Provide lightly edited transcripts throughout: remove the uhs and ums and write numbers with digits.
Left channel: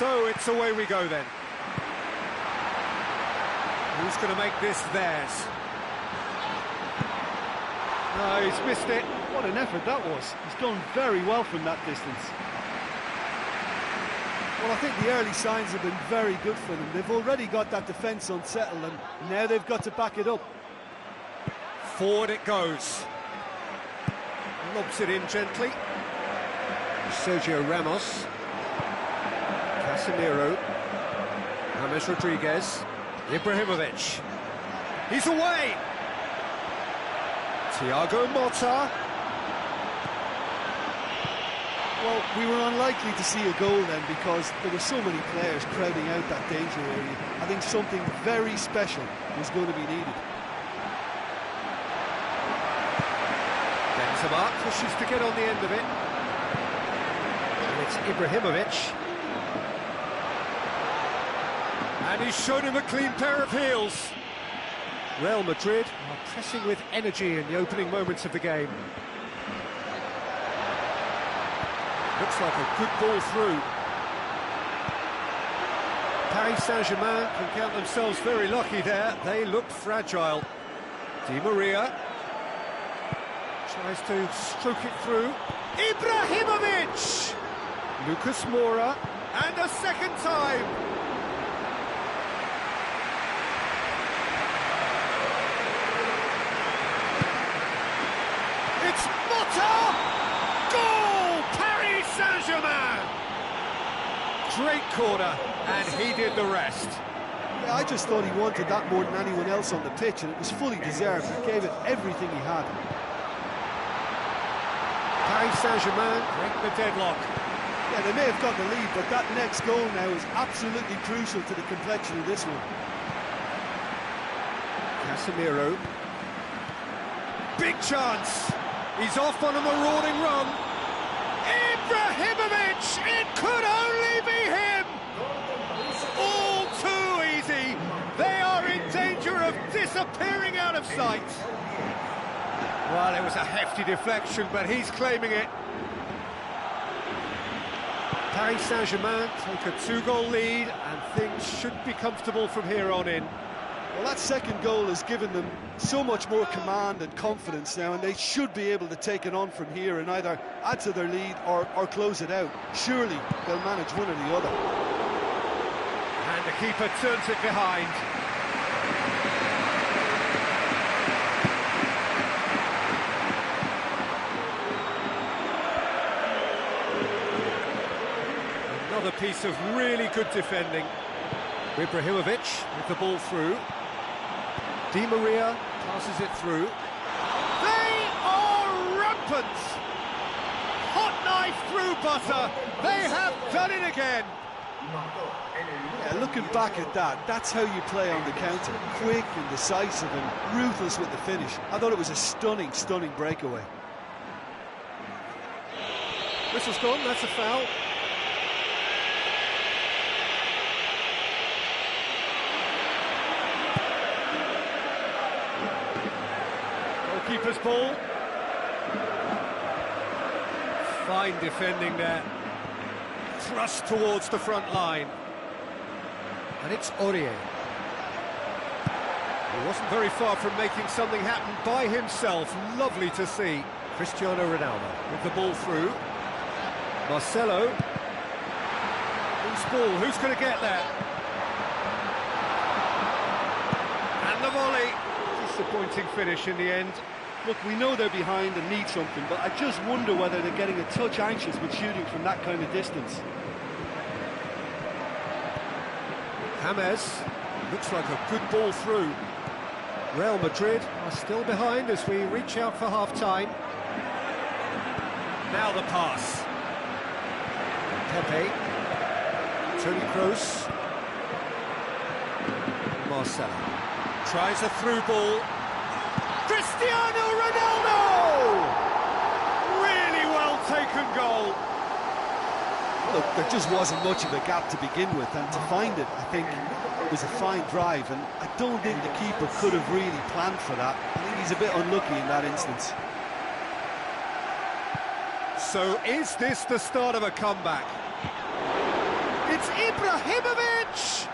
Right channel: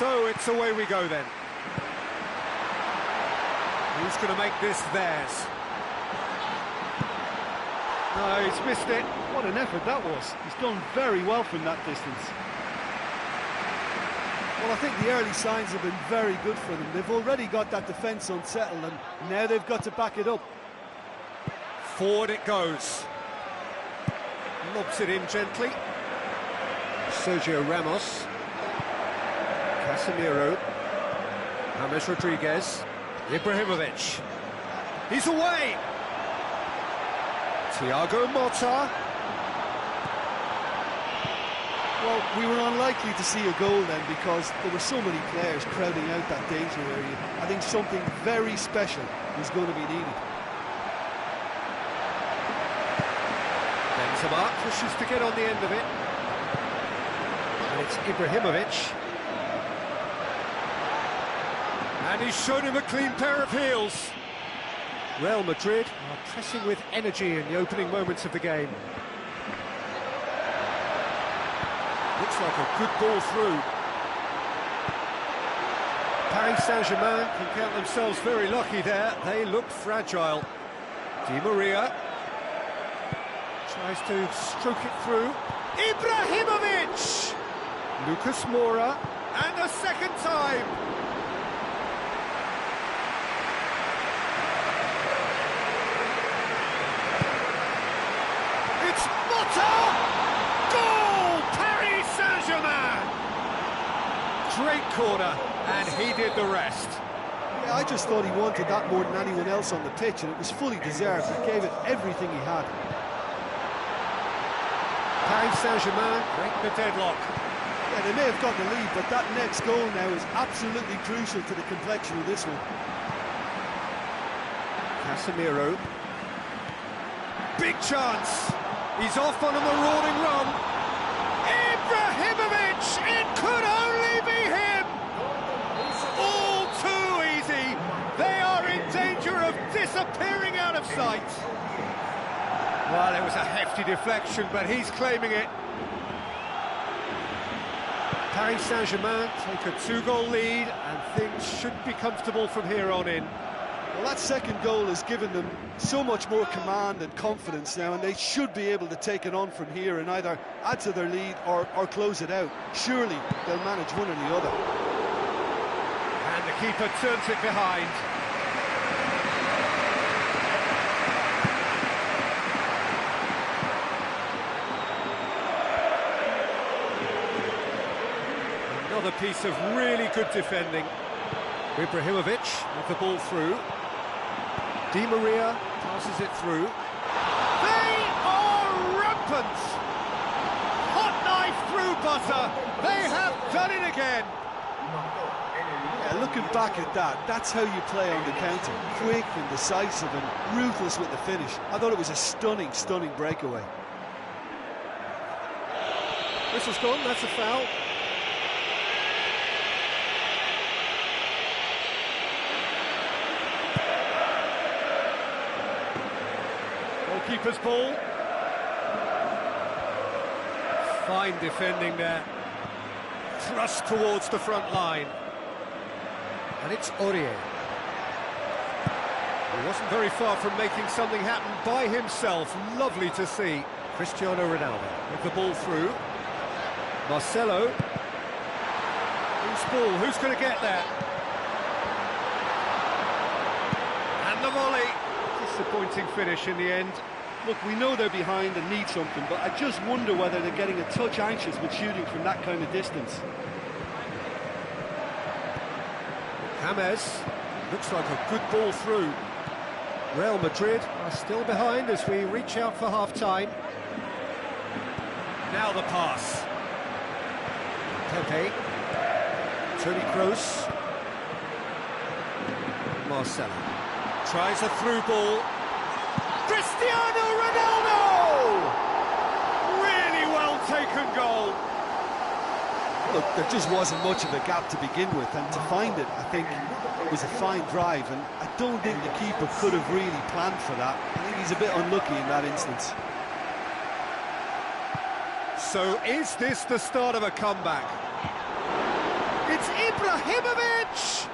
So it's away we go then. Who's going to make this theirs? No, he's missed it. What an effort that was. He's done very well from that distance. Well, I think the early signs have been very good for them. They've already got that defence unsettled, and now they've got to back it up. Forward it goes. Lobs it in gently. Sergio Ramos. Casemiro. James Rodriguez. Ibrahimovic. He's away! Thiago Motta. Well, we were unlikely to see a goal then because there were so many players crowding out that danger area. I think something very special was going to be needed. Benzema pushes to get on the end of it. And it's Ibrahimovic. And he's shown him a clean pair of heels. Real Madrid are pressing with energy in the opening moments of the game. Looks like a good ball through. Paris Saint-Germain can count themselves very lucky there. They look fragile. Di Maria tries to stroke it through. Ibrahimovic! Lucas Moura, and a second time! It's Motta! Goal! Paris Saint-Germain! Great corner, and he did the rest. Yeah, I just thought he wanted that more than anyone else on the pitch, and it was fully deserved. He gave it everything he had. Paris Saint-Germain break the deadlock. Yeah, they may have got the lead, but that next goal now is absolutely crucial to the complexion of this one. Casemiro. Big chance. He's off on a marauding run. Ibrahimovic! It could only be him! All too easy. They are in danger of disappearing out of sight. Well, it was a hefty deflection, but he's claiming it. Paris Saint-Germain take a 2-goal lead, and things should be comfortable from here on in. Well, that second goal has given them so much more command and confidence now, and they should be able to take it on from here and either add to their lead or close it out. Surely they'll manage one or the other. And the keeper turns it behind. Another piece of really good defending. Ibrahimovic with the ball through. Di Maria passes it through. They are rampant! Hot knife through butter. They have done it again. Yeah, looking back at that, that's how you play on the counter. Quick and decisive and ruthless with the finish. I thought it was a stunning, stunning breakaway. Whistle's gone, that's a foul. Goalkeeper's ball. Fine defending there. Thrust towards the front line. And it's Aurier. He wasn't very far from making something happen by himself. Lovely to see. Cristiano Ronaldo with the ball through. Marcelo. Who's ball? Who's going to get there? And the volley. Disappointing finish in the end. Look, we know they're behind and need something, but I just wonder whether they're getting a touch anxious with shooting from that kind of distance. James, looks like a good ball through. Real Madrid are still behind as we reach out for half-time. Now the pass. Pepe. Toni Kroos. Marcelo. Tries a through ball. Cristiano Ronaldo! Really well taken goal. Look, there just wasn't much of a gap to begin with, and to find it, I think, it was a fine drive, and I don't think the keeper could have really planned for that. I think he's a bit unlucky in that instance. So is this the start of a comeback? It It's Ibrahimovic!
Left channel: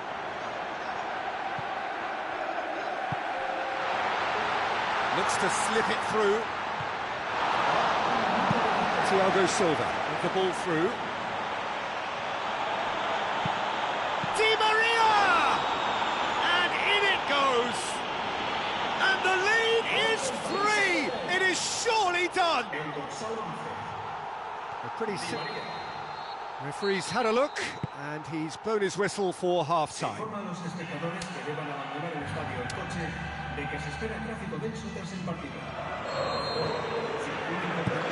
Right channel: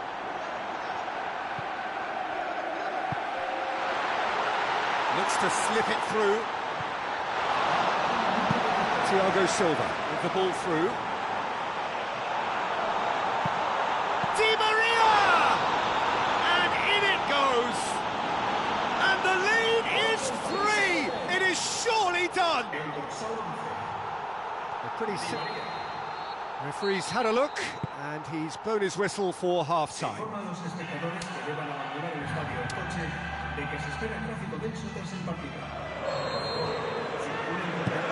Looks to slip it through. Thiago Silva with the ball through. Di Maria! And in it goes! And the lead is 3! It is surely done! A pretty simple. Referee's had a look, and he's blown his whistle for half-time.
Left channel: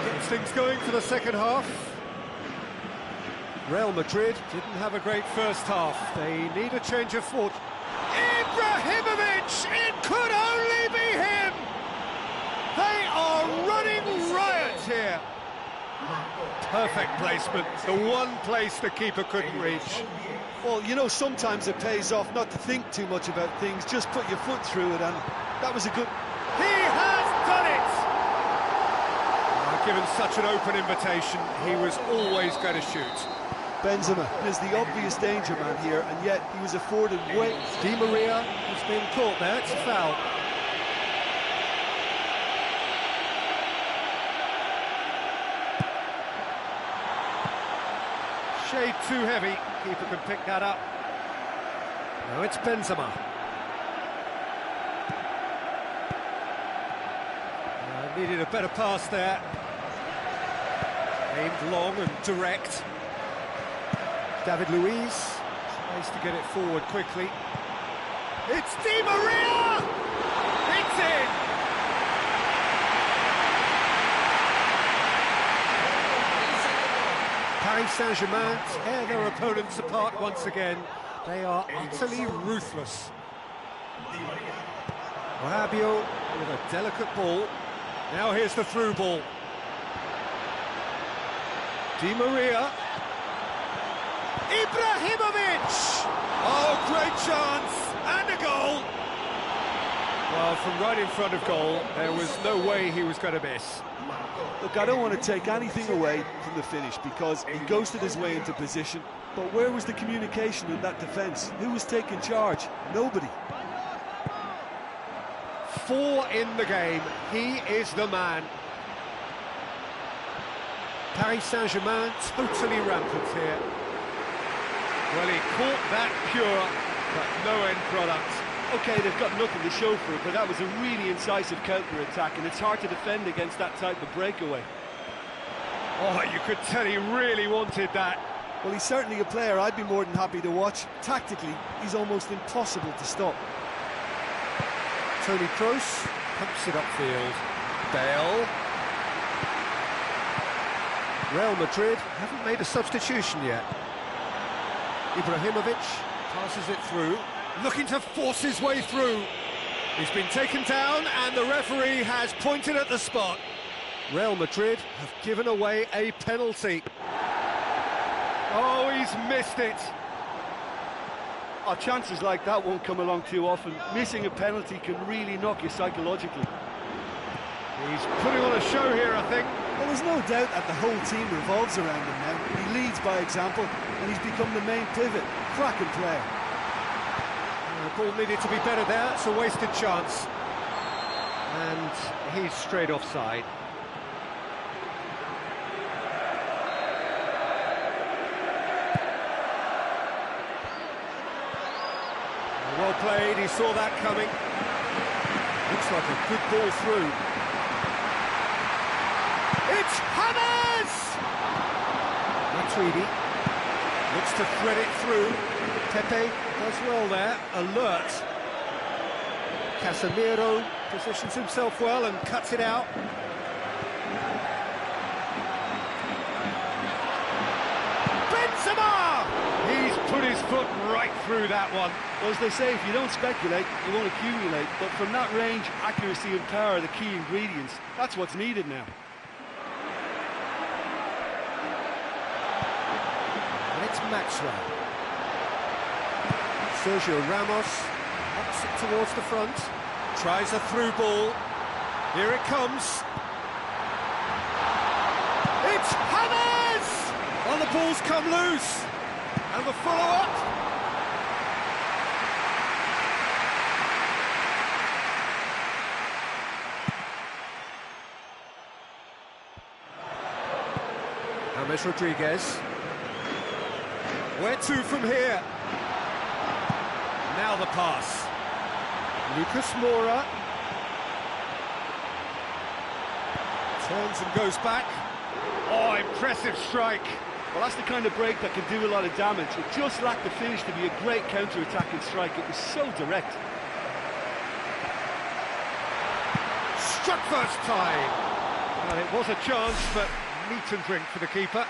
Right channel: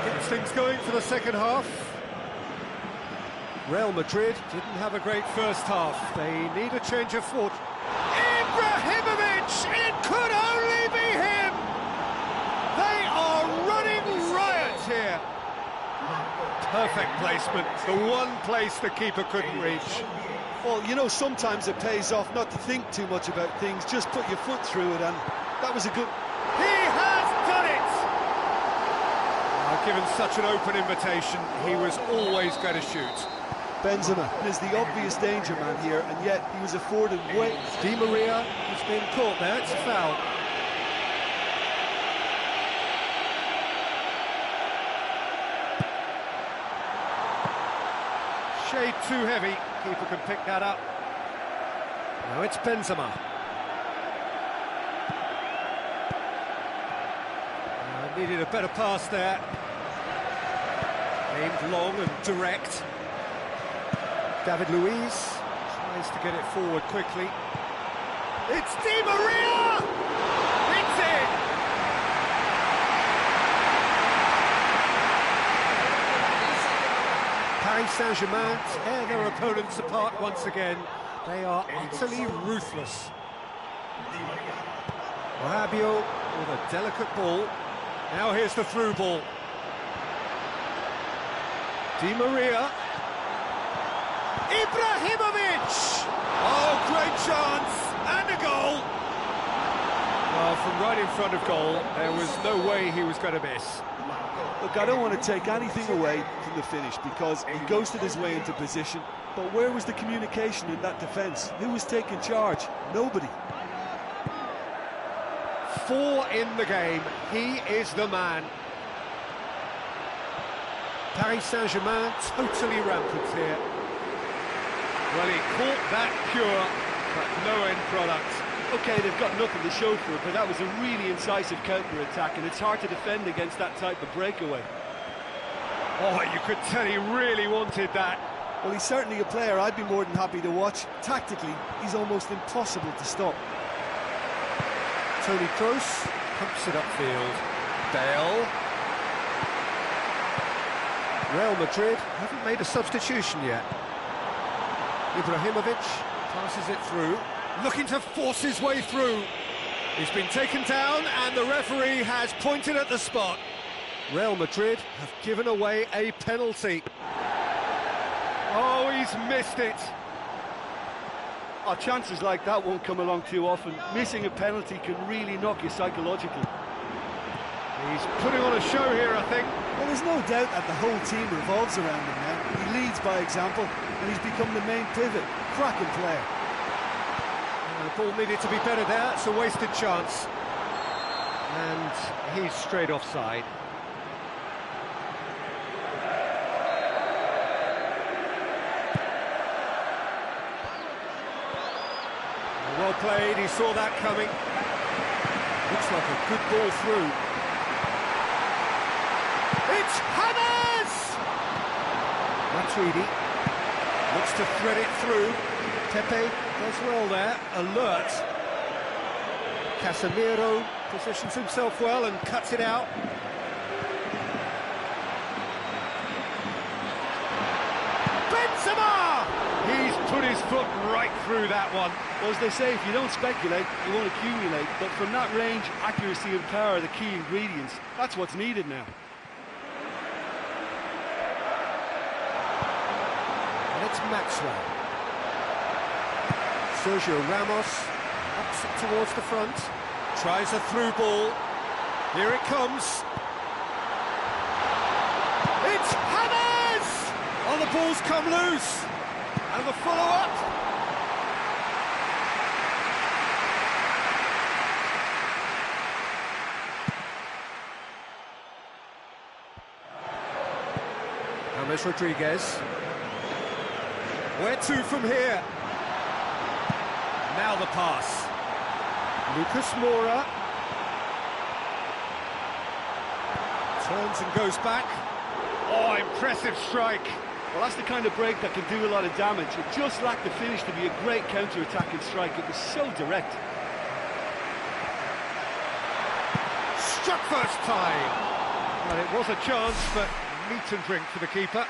Gets things going for the second half. Real Madrid didn't have a great first half. They need a change of fortune. Ibrahimovic! It could only be him! They are running riot here. Perfect placement, the one place the keeper couldn't reach. Well, you know, sometimes it pays off not to think too much about things, just put your foot through it, and that was a good... He has done it! Given such an open invitation, he was always going to shoot. Benzema is the obvious danger man here, and yet he was afforded way... Di Maria has been caught there, it's a foul. Shade too heavy, keeper can pick that up. Now it's Benzema. Needed a better pass there. Aimed long and direct. David Luiz tries to get it forward quickly. It's Di Maria! It's in! Paris Saint-Germain tear their opponents apart once again. They are utterly ruthless. Rabiot with a delicate ball. Now here's the through ball. Di Maria. Ibrahimovic! Oh, great chance! And a goal! Well, from right in front of goal, there was no way he was going to miss. Look, I don't want to take anything away from the finish, because he ghosted his way into position, but where was the communication in that defence? Who was taking charge? Nobody. 4 in the game, he is the man. Paris Saint-Germain totally rampant here. Well, he caught that pure, but no end product. OK, they've got nothing to show for it, but that was a really incisive counter-attack, and it's hard to defend against that type of breakaway. Oh, you could tell he really wanted that. Well, he's certainly a player I'd be more than happy to watch. Tactically, he's almost impossible to stop. Toni Kroos pumps it upfield. Bale. Real Madrid haven't made a substitution yet. Ibrahimovic passes it through, looking to force his way through. He's been taken down and the referee has pointed at the spot. Real Madrid have given away a penalty. Oh, he's missed it. Oh, chances like that won't come along too often. Missing a penalty can really knock you psychologically. He's putting on a show here, I think. Well, there's no doubt that the whole team revolves around him now. He leads by example, and he's become the main pivot. Cracking player. The ball needed to be better there. It's a wasted chance. And he's straight offside. Well played, he saw that coming. Looks like a good ball through. It's Hammers! Matuidi looks to thread it through. Pepe does well there, alert. Casemiro positions himself well and cuts it out. Benzema! He's put his foot right through that one. Well, as they say, if you don't speculate, you won't accumulate. But from that range, accuracy and power are the key ingredients. That's what's needed now. And it's Maxwell. Sergio Ramos ups it towards the front. Tries a through ball. Here it comes. It's Hammers! Oh, the ball's come loose. And the follow-up. James Rodriguez. Where to from here? Now the pass. Lucas Moura. Turns and goes back. Oh, impressive strike. Well, that's the kind of break that can do a lot of damage. It just lacked the finish to be a great counter-attacking strike. It was so direct. Struck first time. Well, it was a chance, but meat and drink for the keeper.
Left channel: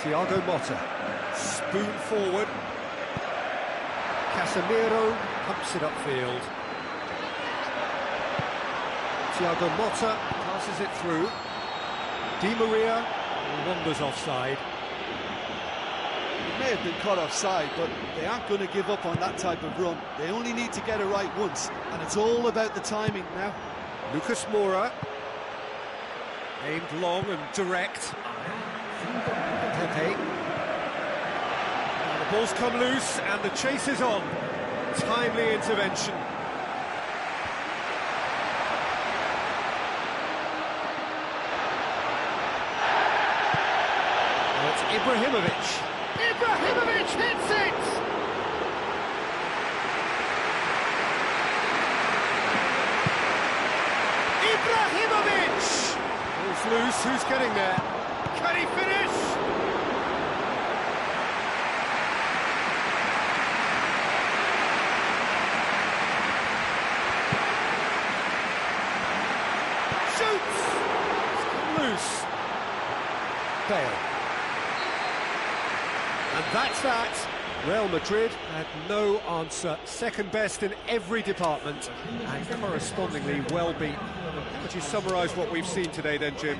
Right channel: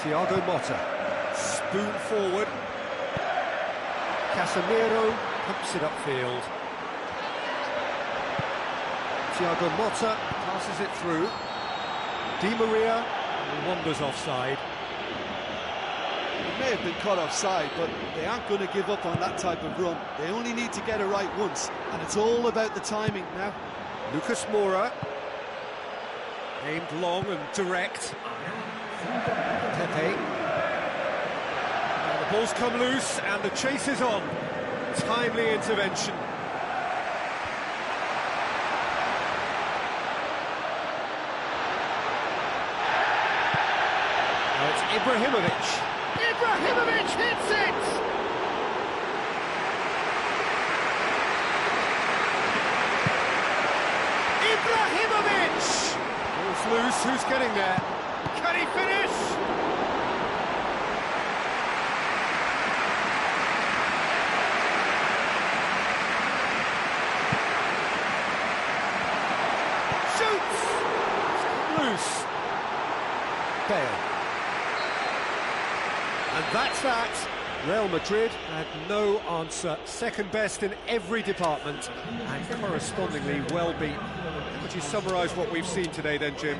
Thiago Motta, spoon forward. Casemiro pumps it upfield. Thiago Motta passes it through. Di Maria wanders offside. It may have been caught offside, but they aren't going to give up on that type of run. They only need to get it right once, and it's all about the timing now. Lucas Moura, aimed long and direct. Pepe. The ball's come loose and the chase is on. Timely intervention. Now it's Ibrahimovic. Ibrahimovic hits it! Ibrahimovic! Ball's loose, who's getting there? Can he finish? Shoots! It's come loose. Bale. And that's that. Real Madrid had no answer. Second best in every department and correspondingly well beaten. How would you summarise what we've seen today then, Jim?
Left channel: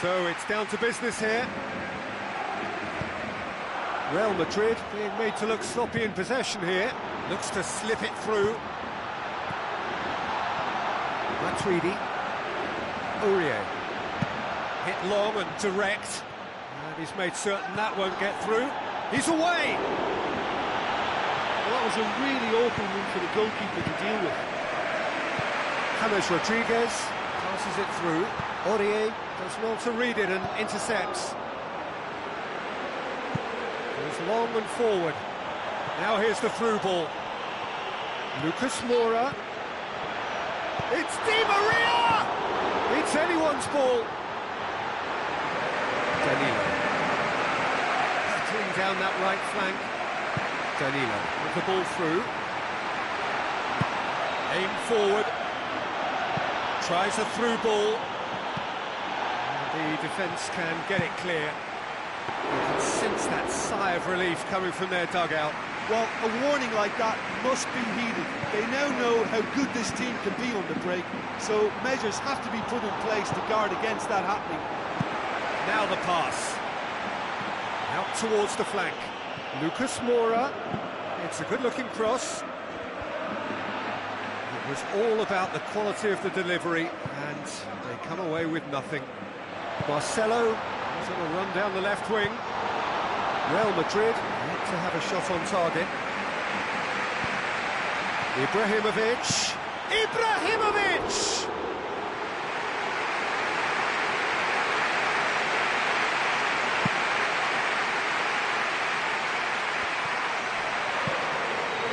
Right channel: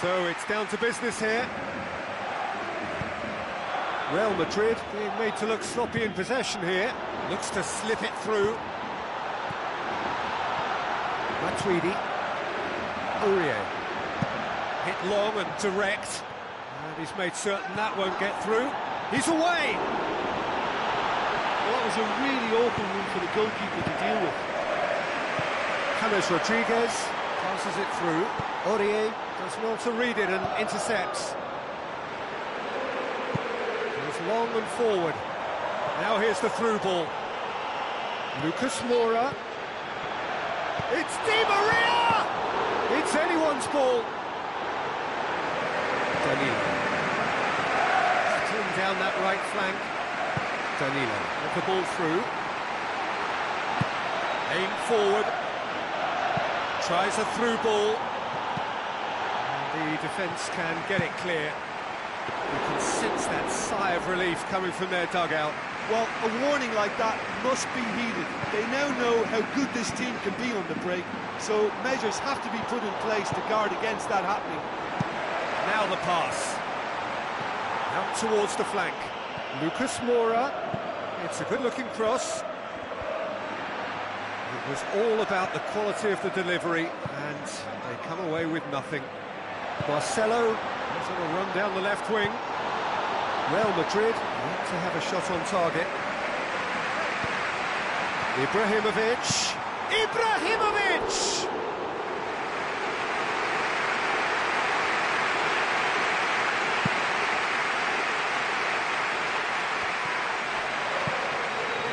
So it's down to business here. Real Madrid being made to look sloppy in possession here. Looks to slip it through. Matuidi. Aurier. Hit long and direct. And he's made certain that won't get through. He's away! Well, that was a really open one for the goalkeeper to deal with. James Rodriguez passes it through. Aurier does well to read it and intercepts. Goes long and forward. Now here's the through ball. Lucas Moura. It's Di Maria! It's anyone's ball. Danilo. Battling down that right flank. Danilo with the ball through. Aim forward. Tries a through ball. And the defence can get it clear. You can sense that sigh of relief coming from their dugout. Well, a warning like that must be heeded. They now know how good this team can be on the break, so measures have to be put in place to guard against that happening. Now the pass. Out towards the flank. Lucas Moura. It's a good-looking cross. It was all about the quality of the delivery, and they come away with nothing. Marcelo is on a run down the left wing. Real Madrid yet to have a shot on target. Ibrahimovic. Ibrahimovic!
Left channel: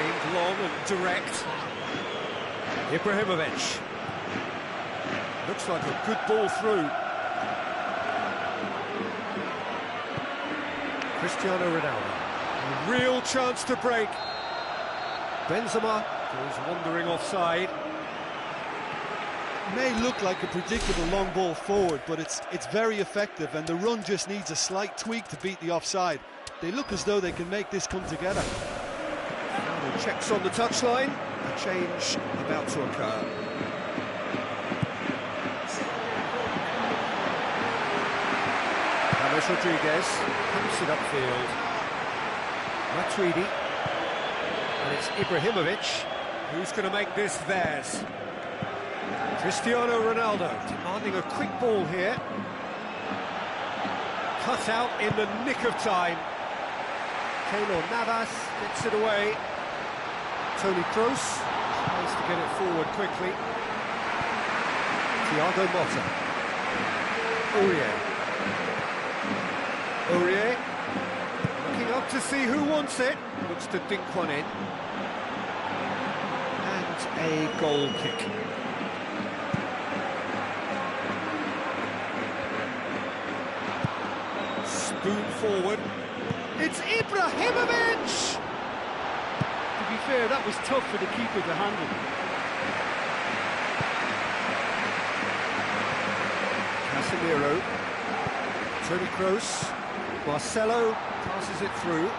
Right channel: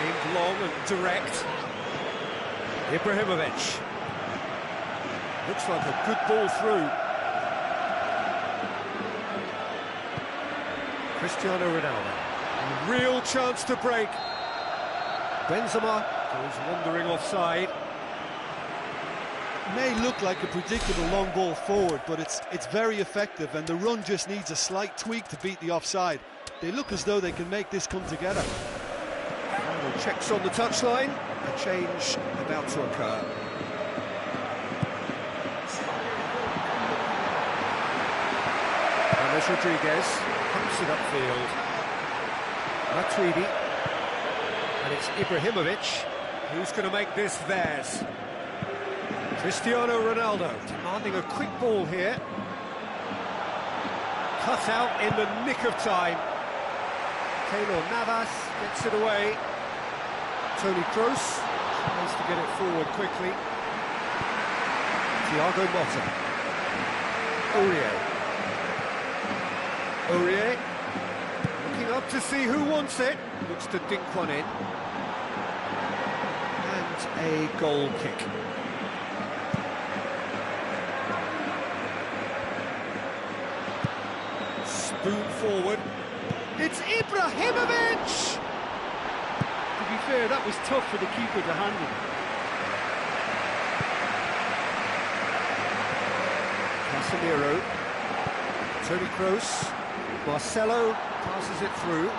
Aimed long and direct. Ibrahimovic. Looks like a good ball through. Cristiano Ronaldo. A real chance to break. Benzema goes wandering offside. It may look like a predictable long ball forward, but it's very effective, and the run just needs a slight tweak to beat the offside. They look as though they can make this come together. Final checks on the touchline. A change about to occur. James Rodriguez pumps it upfield. Matuidi. And it's Ibrahimovic who's going to make this theirs. Cristiano Ronaldo demanding a quick ball here. Cut out in the nick of time. Keylor Navas gets it away. Toni Kroos tries to get it forward quickly. Thiago Motta. Aurier. Aurier looking up to see who wants it. Looks to dink one in. And a goal kick. Spoon forward. It's Ibrahimovic! To be fair, that was tough for the keeper to handle. Casemiro. Toni Kroos. Marcelo passes it through.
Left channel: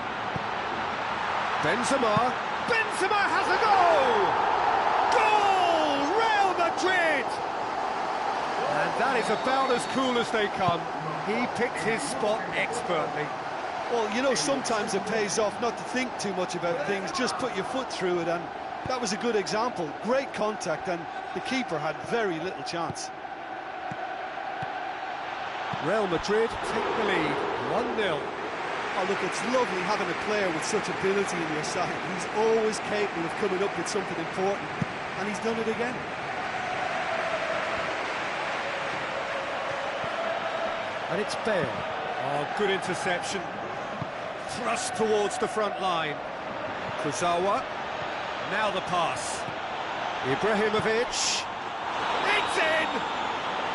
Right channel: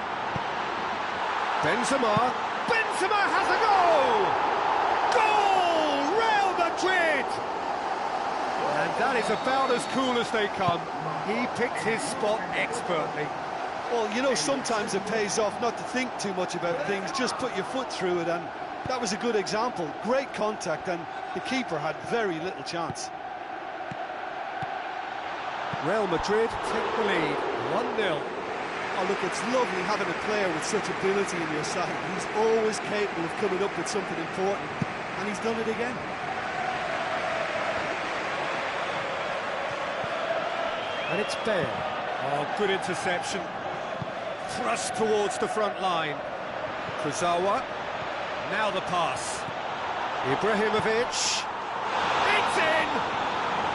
Benzema. Benzema has a goal! Goal! Real Madrid! And that is about as cool as they come. He picked his spot expertly. Well, you know, sometimes it pays off not to think too much about things, just put your foot through it, and that was a good example. Great contact, and the keeper had very little chance. Real Madrid take the lead, 1-0. Oh, look, it's lovely having a player with such ability in your side. He's always capable of coming up with something important, and he's done it again. And it's Bale. Oh, good interception. Thrust towards the front line. Kurzawa. Now the pass. Ibrahimovic. It's in!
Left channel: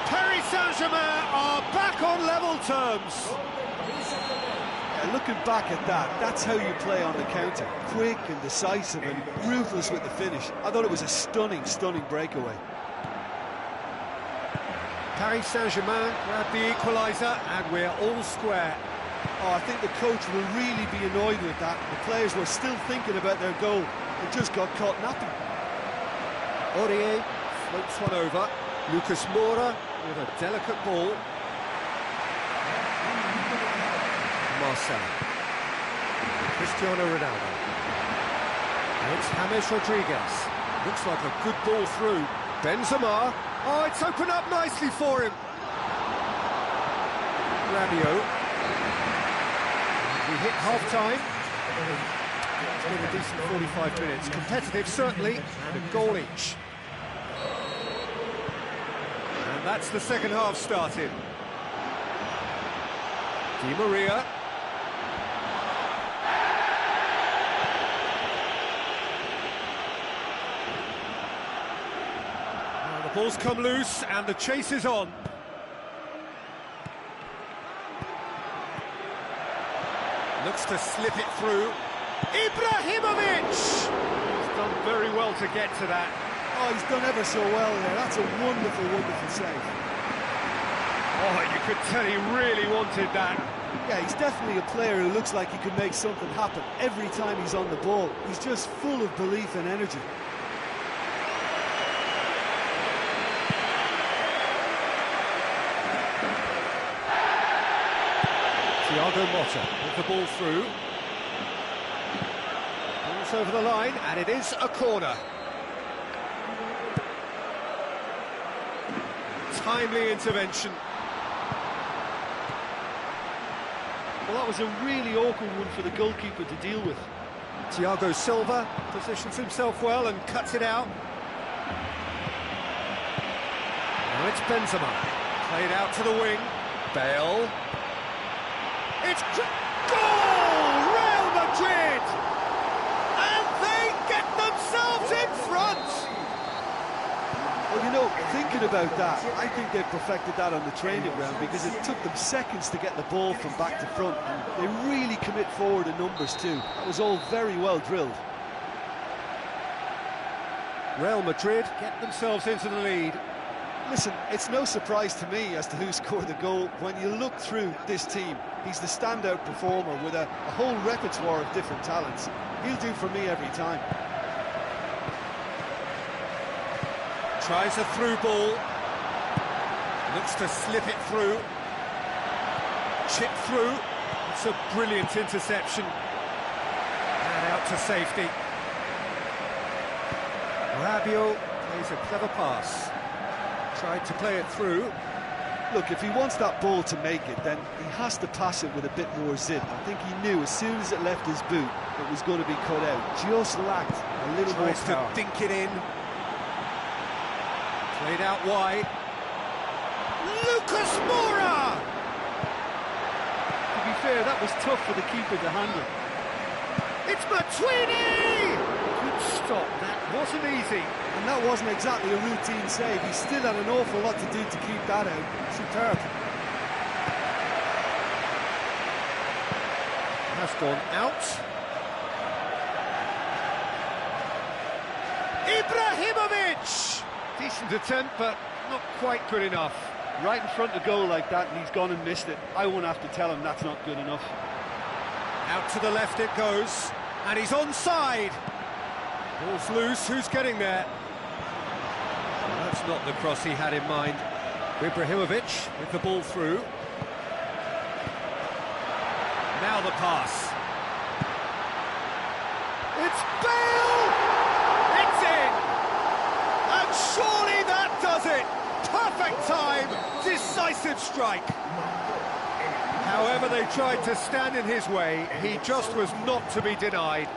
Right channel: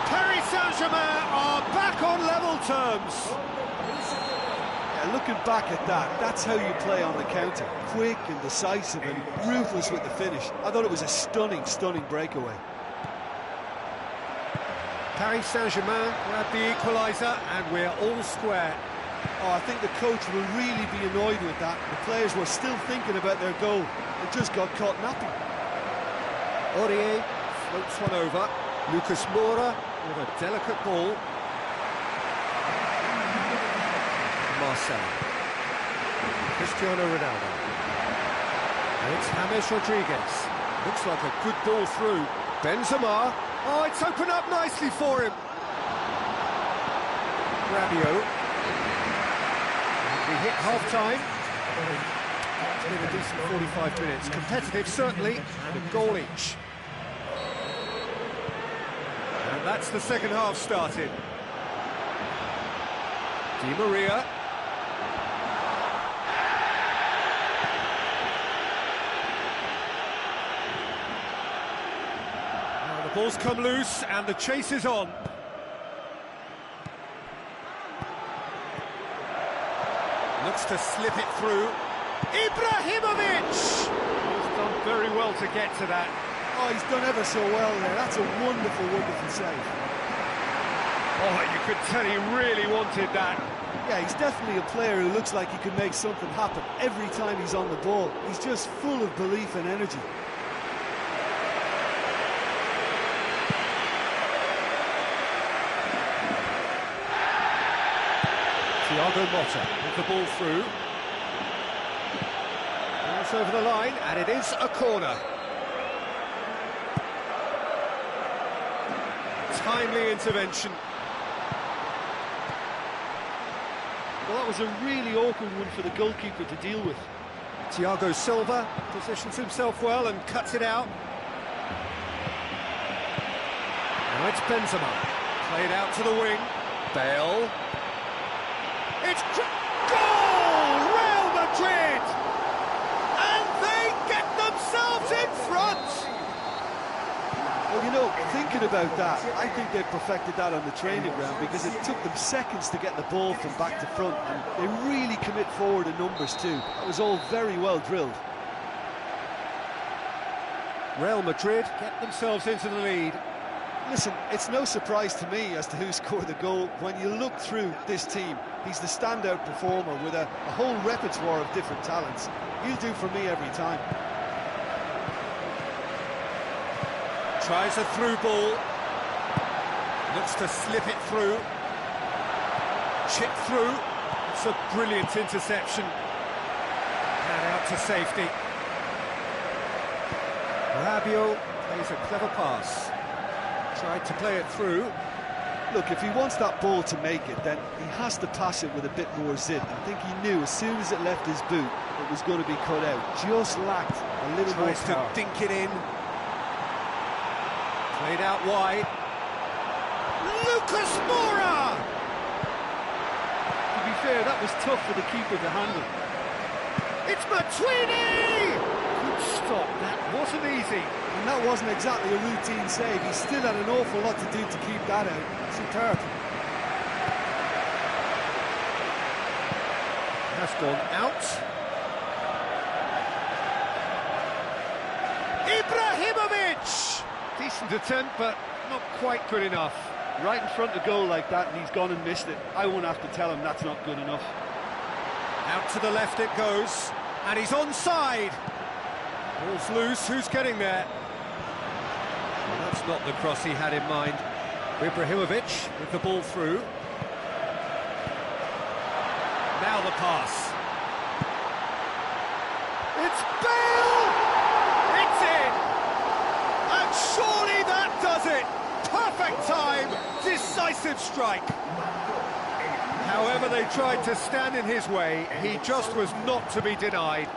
Paris Saint-Germain are back on level terms. Yeah, looking back at that, that's how you play on the counter. Quick and decisive and ruthless with the finish. I thought it was a stunning, stunning breakaway. Paris Saint-Germain grab the equaliser, and we're all square. Oh, I think the coach will really be annoyed with that. The players were still thinking about their goal. They just got caught napping. Aurier floats one over. Lucas Moura with a delicate ball. Marcelo. Cristiano Ronaldo. And it's James Rodriguez. Looks like a good ball through. Benzema. Oh, it's opened up nicely for him. Rabiot. We hit half-time. It's been a decent 45 minutes. Competitive, certainly, and a goal each. And that's the second half started. Di Maria. Now the ball's come loose and the chase is on. Looks to slip it through. Ibrahimovic! He's done very well to get to that. Oh, he's done ever so well there. That's a wonderful, wonderful save. Oh, you could tell he really wanted that. Yeah, he's definitely a player who looks like he could make something happen every time he's on the ball. He's just full of belief and energy. Thiago Motta with the ball through. Ball's over the line, and it is a corner. Timely intervention. Well, that was a really awkward one for the goalkeeper to deal with. Thiago Silva positions himself well and cuts it out. Now it's Benzema. Played out to the wing. Bale. It's goal! Real Madrid! And they get themselves in front! Well, you know, thinking about that, I think they perfected that on the training ground because it took them seconds to get the ball from back to front, and they really commit forward in numbers too. That was all very well drilled. Real Madrid get themselves into the lead. Listen, it's no surprise to me as to who scored the goal. When you look through this team, he's the standout performer with a whole repertoire of different talents. He'll do for me every time. Tries a through ball. Looks to slip it through. Chip through. It's a brilliant interception. And out to safety. Rabiot plays a clever pass. Tried to play it through. Look, if he wants that ball to make it, then he has to pass it with a bit more zip. I think he knew as soon as it left his boot, it was going to be cut out. Just lacked a little more Tries power. to dink it in. Played out wide. Lucas Moura! To be fair, that was tough for the keeper to handle. It's Matuidi! Good stop, that wasn't easy. And that wasn't exactly a routine save. He still had an awful lot to do to keep that out. Superb. Has gone out. Ibrahimovic! Decent attempt, but not quite good enough. Right in front of goal like that, and he's gone and missed it. I won't have to tell him that's not good enough. Out to the left it goes, and he's onside. Ball's loose, who's getting there? Well, that's not the cross he had in mind. Ibrahimovic with the ball through. Now the pass. It's Bale! It's in! And surely that does it! Perfect time, decisive strike. However they tried to stand in his way, he just was not to be denied.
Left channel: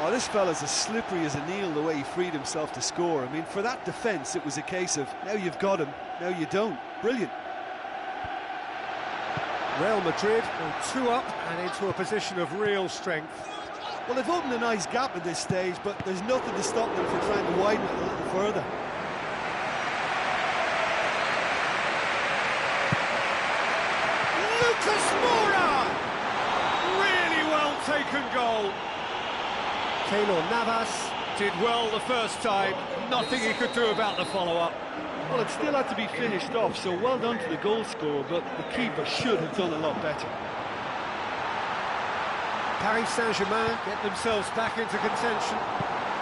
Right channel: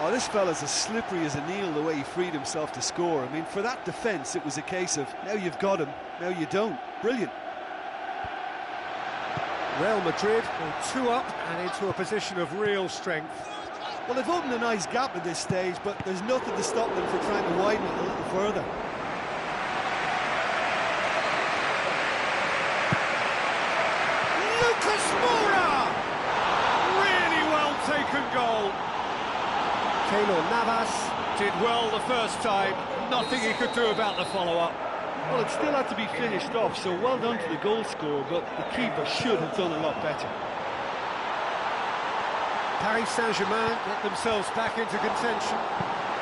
Oh, this fella's as slippery as a needle the way he freed himself to score. I mean, for that defence, it was a case of, now you've got him, now you don't. Brilliant. Real Madrid go 2 up and into a position of real strength. Well, they've opened a nice gap at this stage, but there's nothing to stop them from trying to widen it a little further. Lucas Moura! Really well taken goal. Keylor Navas did well the first time, nothing he could do about the follow-up. Well, it still had to be finished off, so well done to the goal scorer, but the keeper should have done a lot better. Paris Saint-Germain get themselves back into contention.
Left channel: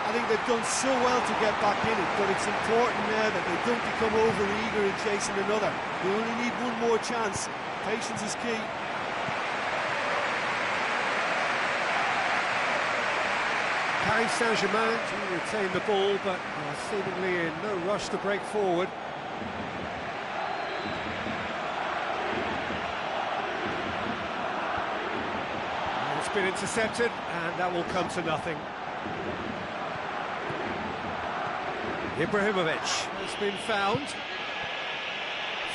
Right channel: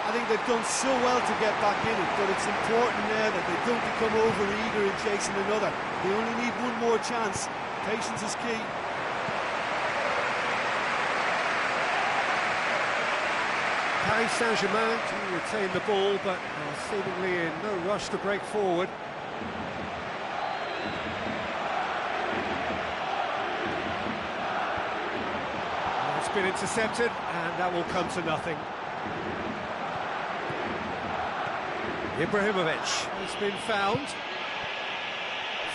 I think they've done so well to get back in it, but it's important now that they don't become over-eager in chasing another. They only need one more chance. Patience is key. Paris Saint-Germain do retain the ball, but are seemingly in no rush to break forward. It's been intercepted, and that will come to nothing. Ibrahimovic has been found.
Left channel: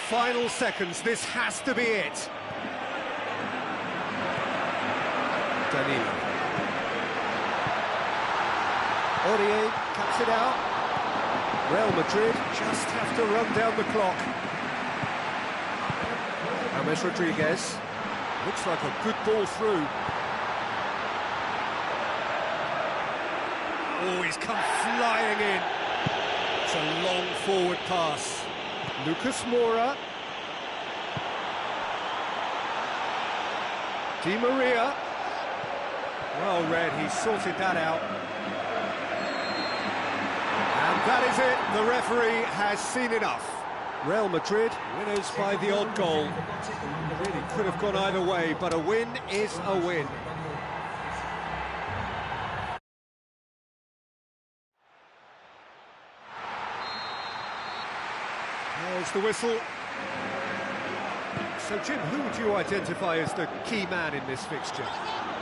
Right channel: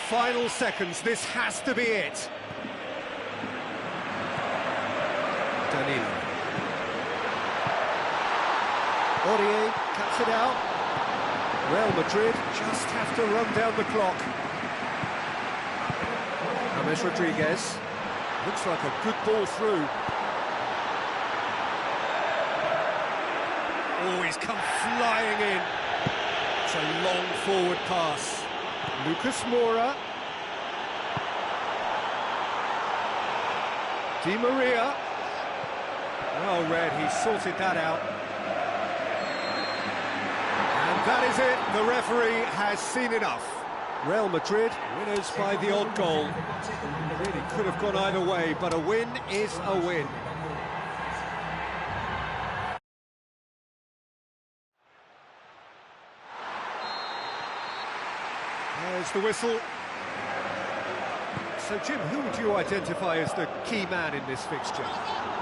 Final seconds, this has to be it. Danilo. Aurier cuts it out. Real Madrid just have to run down the clock. James Rodriguez. Looks like a good ball through. Oh, he's come flying in. It's a long forward pass. Lucas Moura. Di Maria. Well read, he sorted that out. And that is it, the referee has seen enough. Real Madrid, winners by the odd goal. Really could have gone either way, but a win is a win. There's the whistle. So, Jim, who would you identify as the key man in this fixture?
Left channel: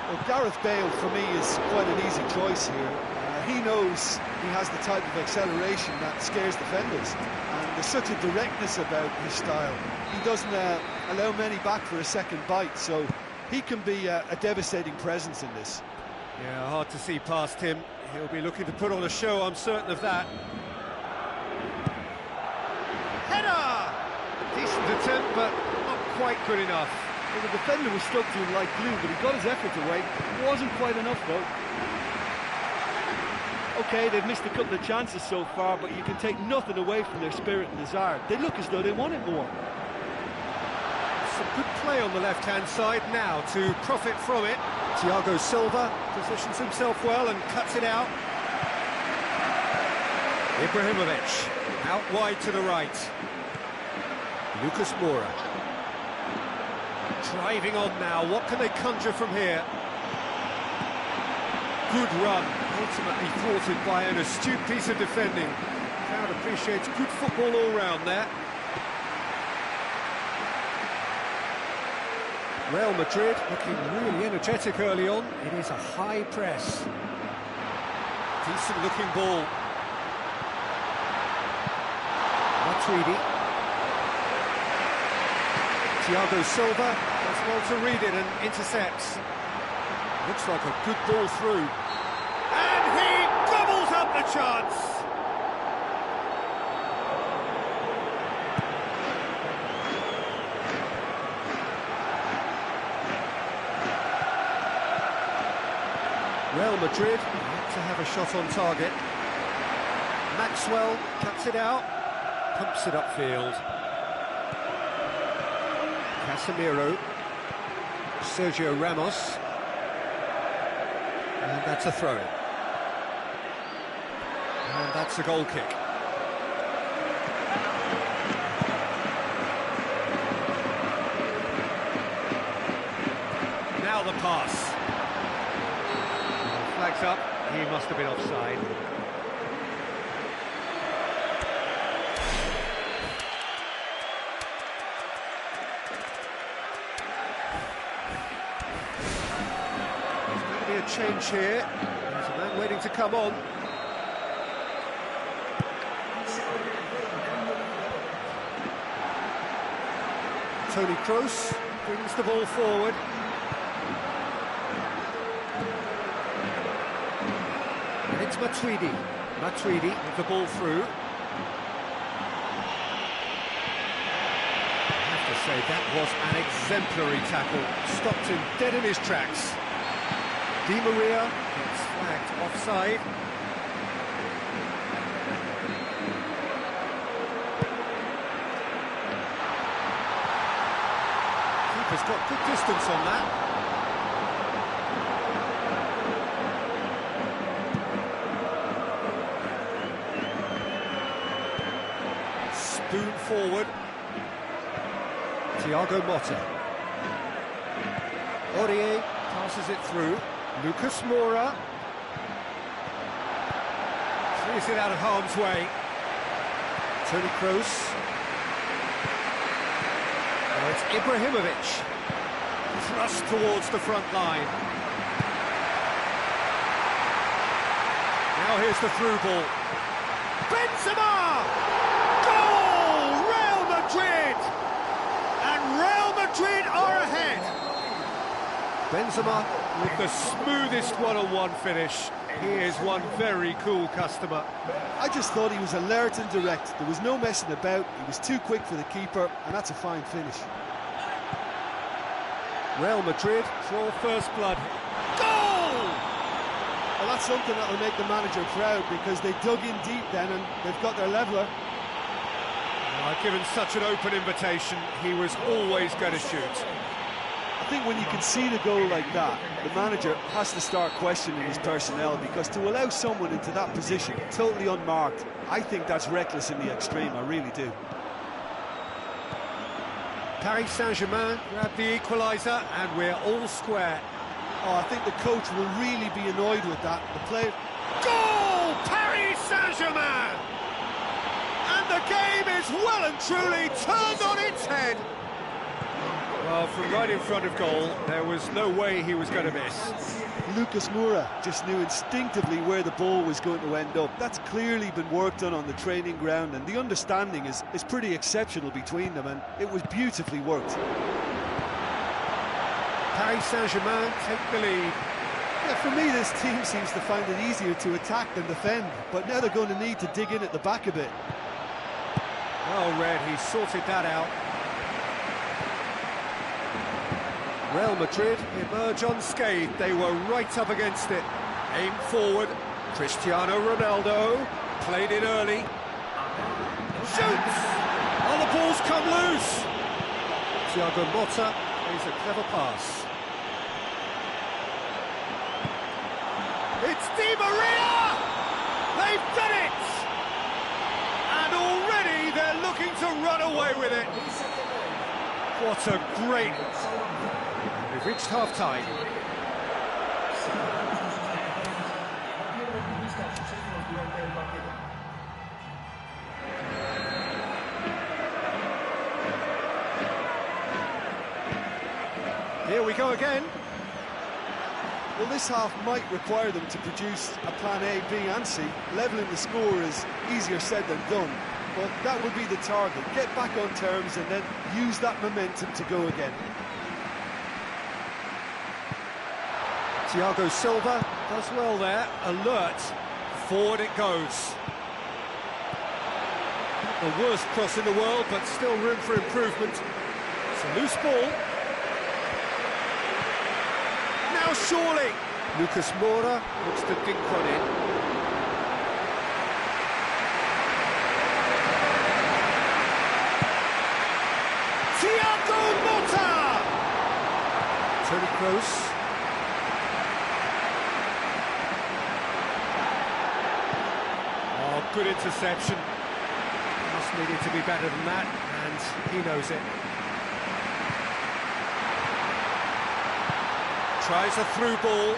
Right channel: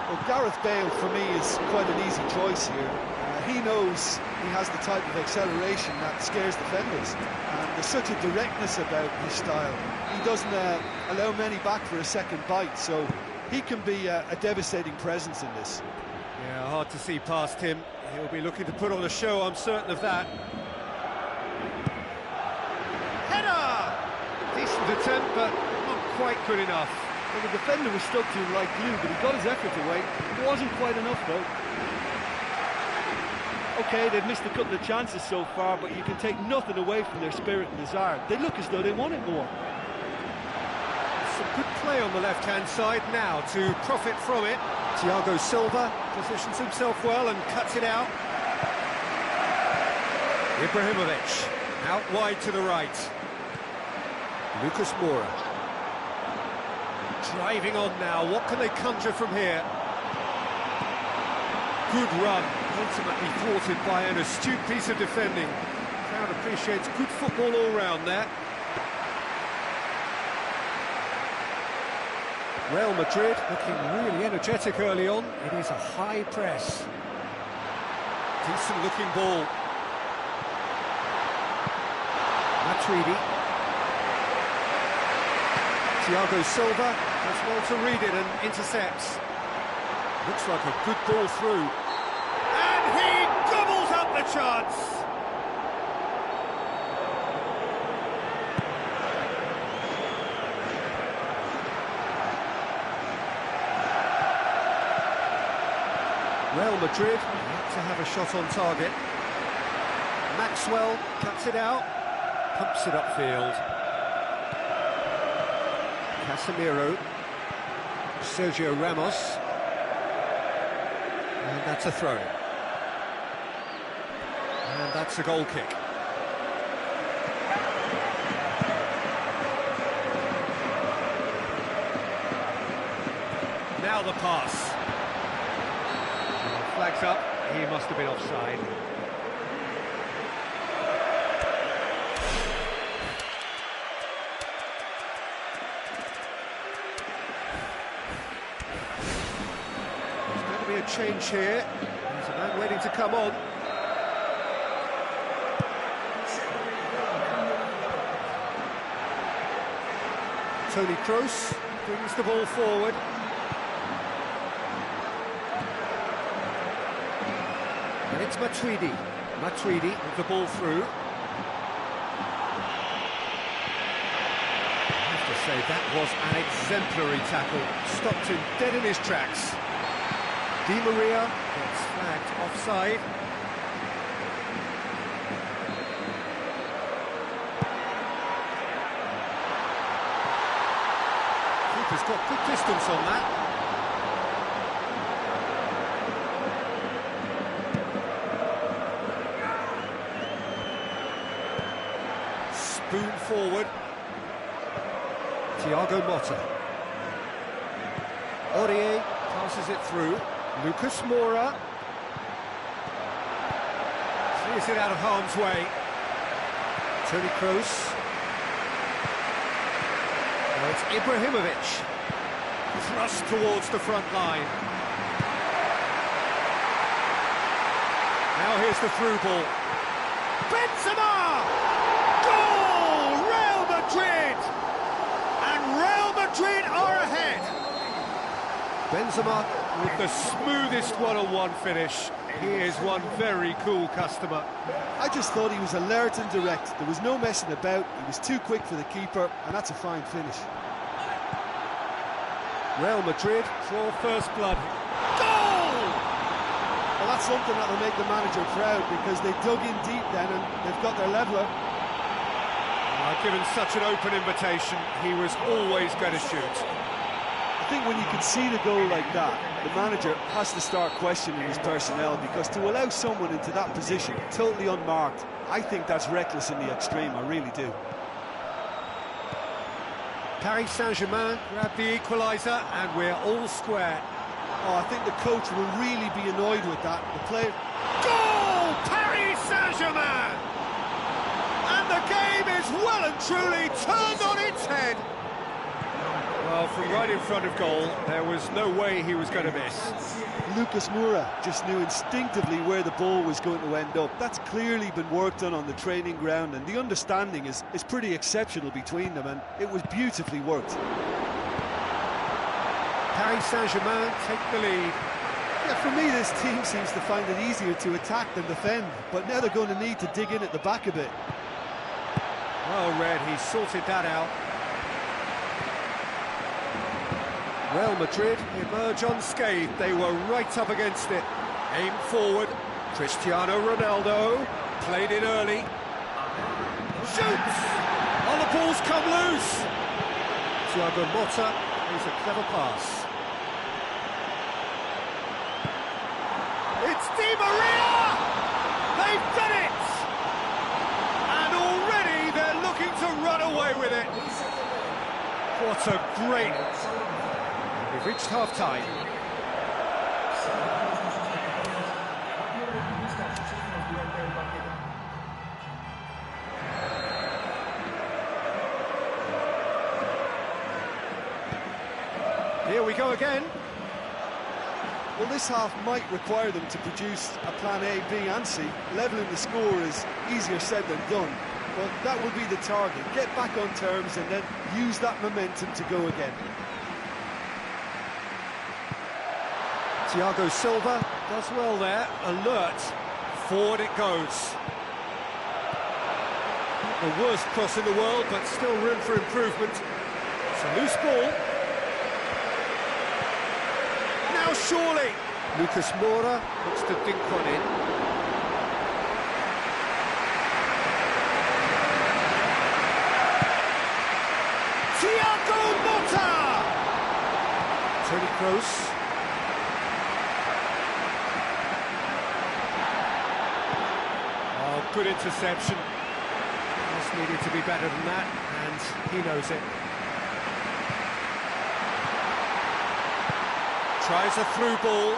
Well, Gareth Bale, for me, is quite an easy choice here. He knows he has the type of acceleration that scares defenders, and there's such a directness about his style. He doesn't allow many back for a second bite, so he can be a devastating presence in this. Yeah, hard to see past him. He'll be looking to put on a show, I'm certain of that. Header! Decent attempt, but not quite good enough. Well, the defender was stuck to him like glue, but he got his effort away. It wasn't quite enough, though. OK, they've missed a couple of chances so far, but you can take nothing away from their spirit and desire. They look as though they want it more. Some good play on the left-hand side now to profit from it. Thiago Silva positions himself well and cuts it out. Ibrahimovic out wide to the right. Lucas Moura. Driving on now, what can they conjure from here? Good run, ultimately thwarted by an astute piece of defending. The crowd appreciates good football all round there. Real Madrid looking really energetic early on. It is a high press. Decent looking ball. Matuidi. Thiago Silva does well to read it and intercepts. Looks like a good ball through. And he gobbles up the chance! Real Madrid yet to have a shot on target. Maxwell cuts it out, pumps it upfield. Casemiro, Sergio Ramos, and that's a throw-in. And that's a goal kick. Now the pass. Flags up, he must have been offside. There's going to be a change here. There's a man waiting to come on. Toni Kroos brings the ball forward. And it's Matuidi. Matuidi with the ball through. I have to say, that was an exemplary tackle. Stopped him dead in his tracks. Di Maria gets flagged offside. Keeper's got good distance on that. Spoon forward. Thiago Motta. Aurier passes it through. Lucas Moura. Clears it out of harm's way. Toni Kroos. Now it's Ibrahimovic. Thrust towards the front line. Now here's the through ball. Benzema! Goal! Real Madrid! And Real Madrid are ahead. Benzema with the smoothest one-on-one finish. He is one very cool customer. I just thought he was alert and direct. There was no messing about. He was too quick for the keeper, and that's a fine finish. Real Madrid draw first blood. Goal! Well, that's something that'll make the manager proud, because they dug in deep then and they've got their leveller. Given such an open invitation, he was always going to shoot. I think when you can see the goal like that, the manager has to start questioning his personnel, because to allow someone into that position, totally unmarked, I think that's reckless in the extreme, I really do. Paris Saint-Germain grab the equaliser, and we're all square. Oh, I think the coach will really be annoyed with that. The player... Goal! Paris Saint-Germain! And the game is well and truly turned on its head. Well, from right in front of goal, there was no way he was going to miss. Lucas Moura just knew instinctively where the ball was going to end up. That's clearly been worked on the training ground, and the understanding is pretty exceptional between them, and it was beautifully worked. Paris Saint-Germain take the lead. Yeah, for me, this team seems to find it easier to attack than defend, but now they're going to need to dig in at the back a bit. Well read, he sorted that out. Real Madrid emerge unscathed. They were right up against it. Aim forward. Cristiano Ronaldo played it early. Shoots! Oh, the ball's come loose. Thiago Motta plays a clever pass. It's Di Maria! They've done it! And already they're looking to run away with it. What a great... We've reached half-time. Here we go again. Well, this half might require them to produce a plan A, B and C. Levelling the score is easier said than done, but that will be the target. Get back on terms and then use that momentum to go again. Thiago Silva does well there, alert, forward it goes. Not the worst cross in the world, but still room for improvement. It's a loose ball. Now surely, Lucas Moura looks to dink one in. Thiago Motta! Toni Kroos. Good interception. Just needed to be better than that, and he knows it. Tries a through ball.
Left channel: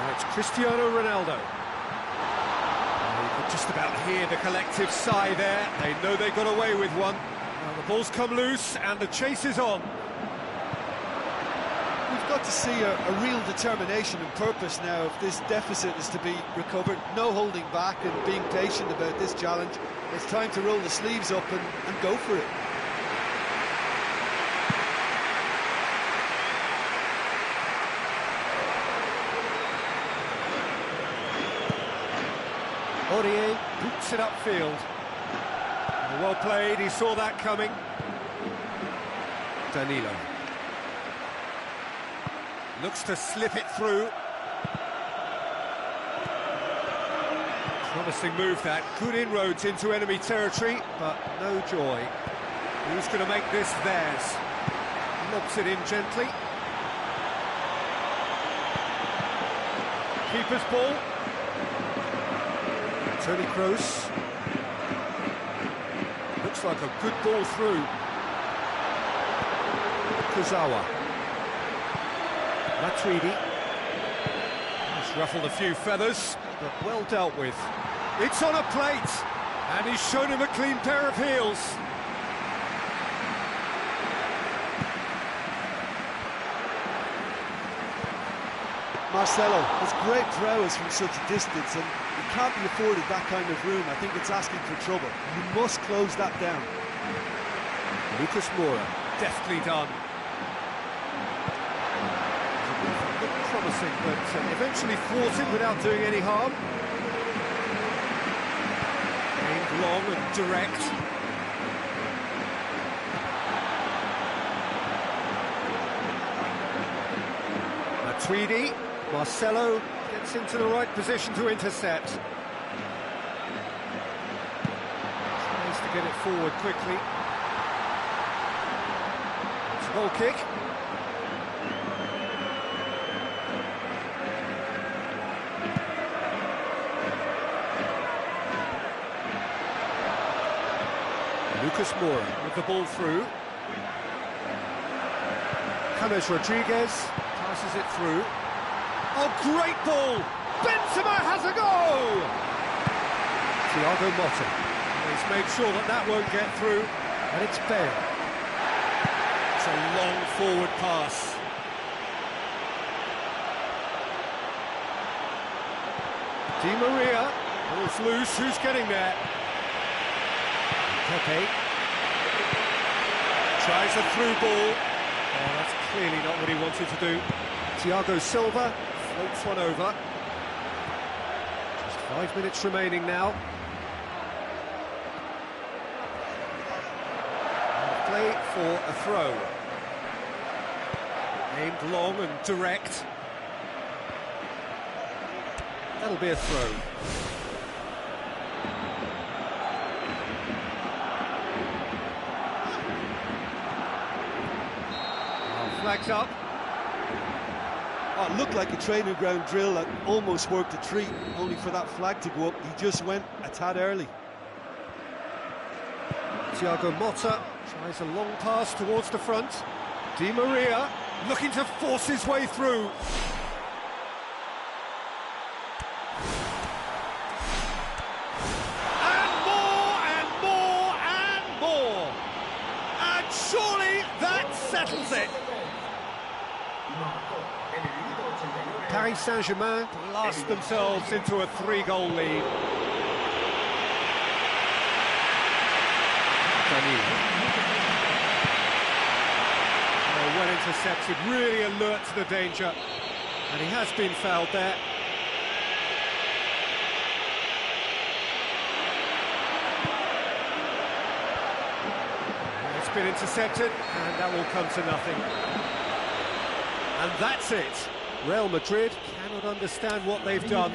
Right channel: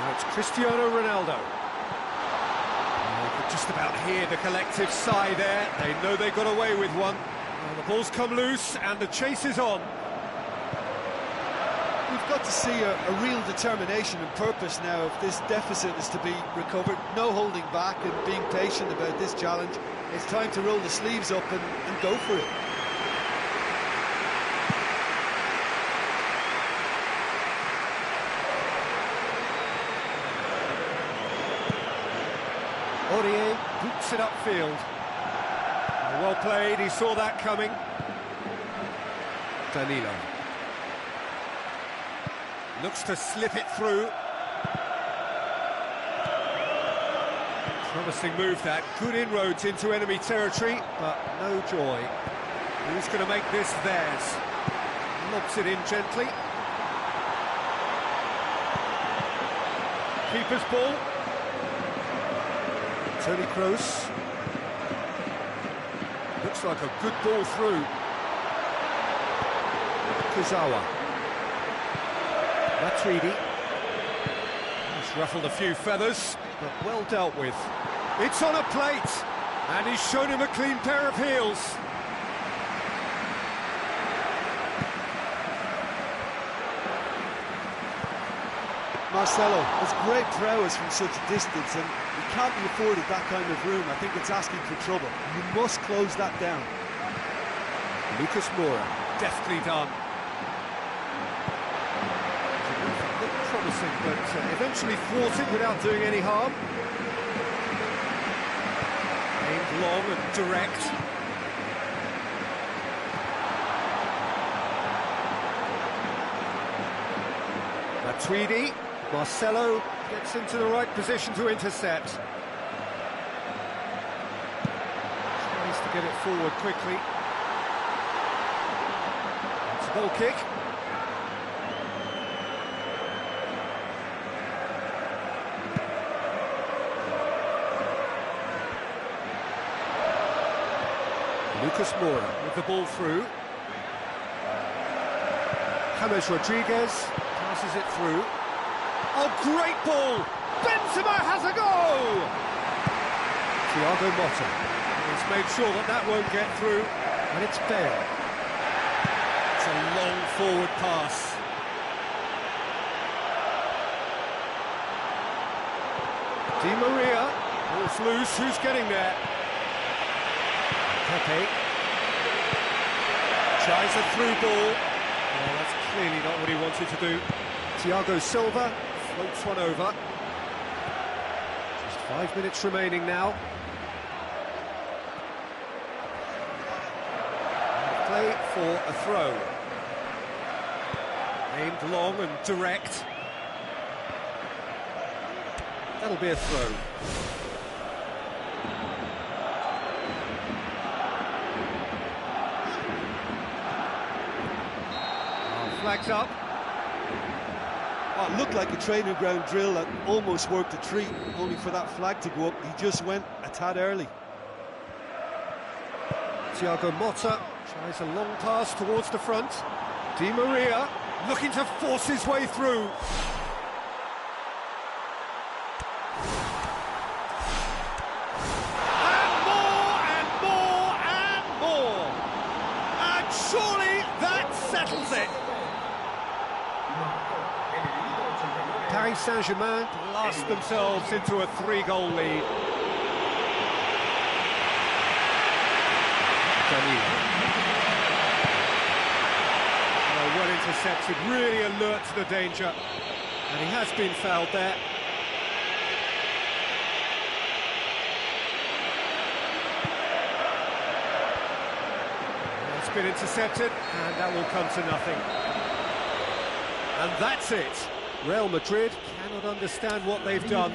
Now it's Cristiano Ronaldo. Oh, you could just about hear the collective sigh there. They know they got away with one. Well, the ball's come loose, and the chase is on. We've got to see a real determination and purpose now if this deficit is to be recovered. No holding back and being patient about this challenge. It's time to roll the sleeves up and go for it. Aurier boots it upfield. Well played, he saw that coming. Danilo. Looks to slip it through. Promising move that. Good inroads into enemy territory, but no joy. Who's going to make this theirs? Lobs it in gently. Keeper's ball. Toni Kroos. Looks like a good ball through. Kurzawa. Matuidi. He's ruffled a few feathers, but well dealt with. It's on a plate, and he's shown him a clean pair of heels. Marcelo has great prowess from such a distance, and he can't be afforded that kind of room. I think it's asking for trouble. You must close that down. Lucas Moura, deftly done. Looked promising, but eventually thwarted without doing any harm. Aimed long and direct. Matuidi. Marcelo gets into the right position to intercept. Tries to get it forward quickly. It's a goal kick. Lucas Moura with the ball through. James Rodriguez passes it through. Oh, great ball! Benzema has a go! Thiago Motta. He's made sure that that won't get through, and it's Bale. It's a long forward pass. Di Maria, ball's loose, who's getting there? Pepe. Tries a through ball. Oh, that's clearly not what he wanted to do. Thiago Silva floats one over. Just 5 minutes remaining now. And play for a throw. Aimed long and direct. That'll be a throw. Flags up. Oh, it looked like a training ground drill that almost worked a treat, only for that flag to go up. He just went a tad early. Thiago Motta tries a long pass towards the front. Di Maria looking to force his way through. And more, and more, and more. And surely that settles it. Paris Saint-Germain blast themselves into a 3-goal lead. Danilo. Oh, well intercepted, really alert to the danger. And he has been fouled there. It's been intercepted, and that will come to nothing. And that's it. Real Madrid cannot understand what they've done.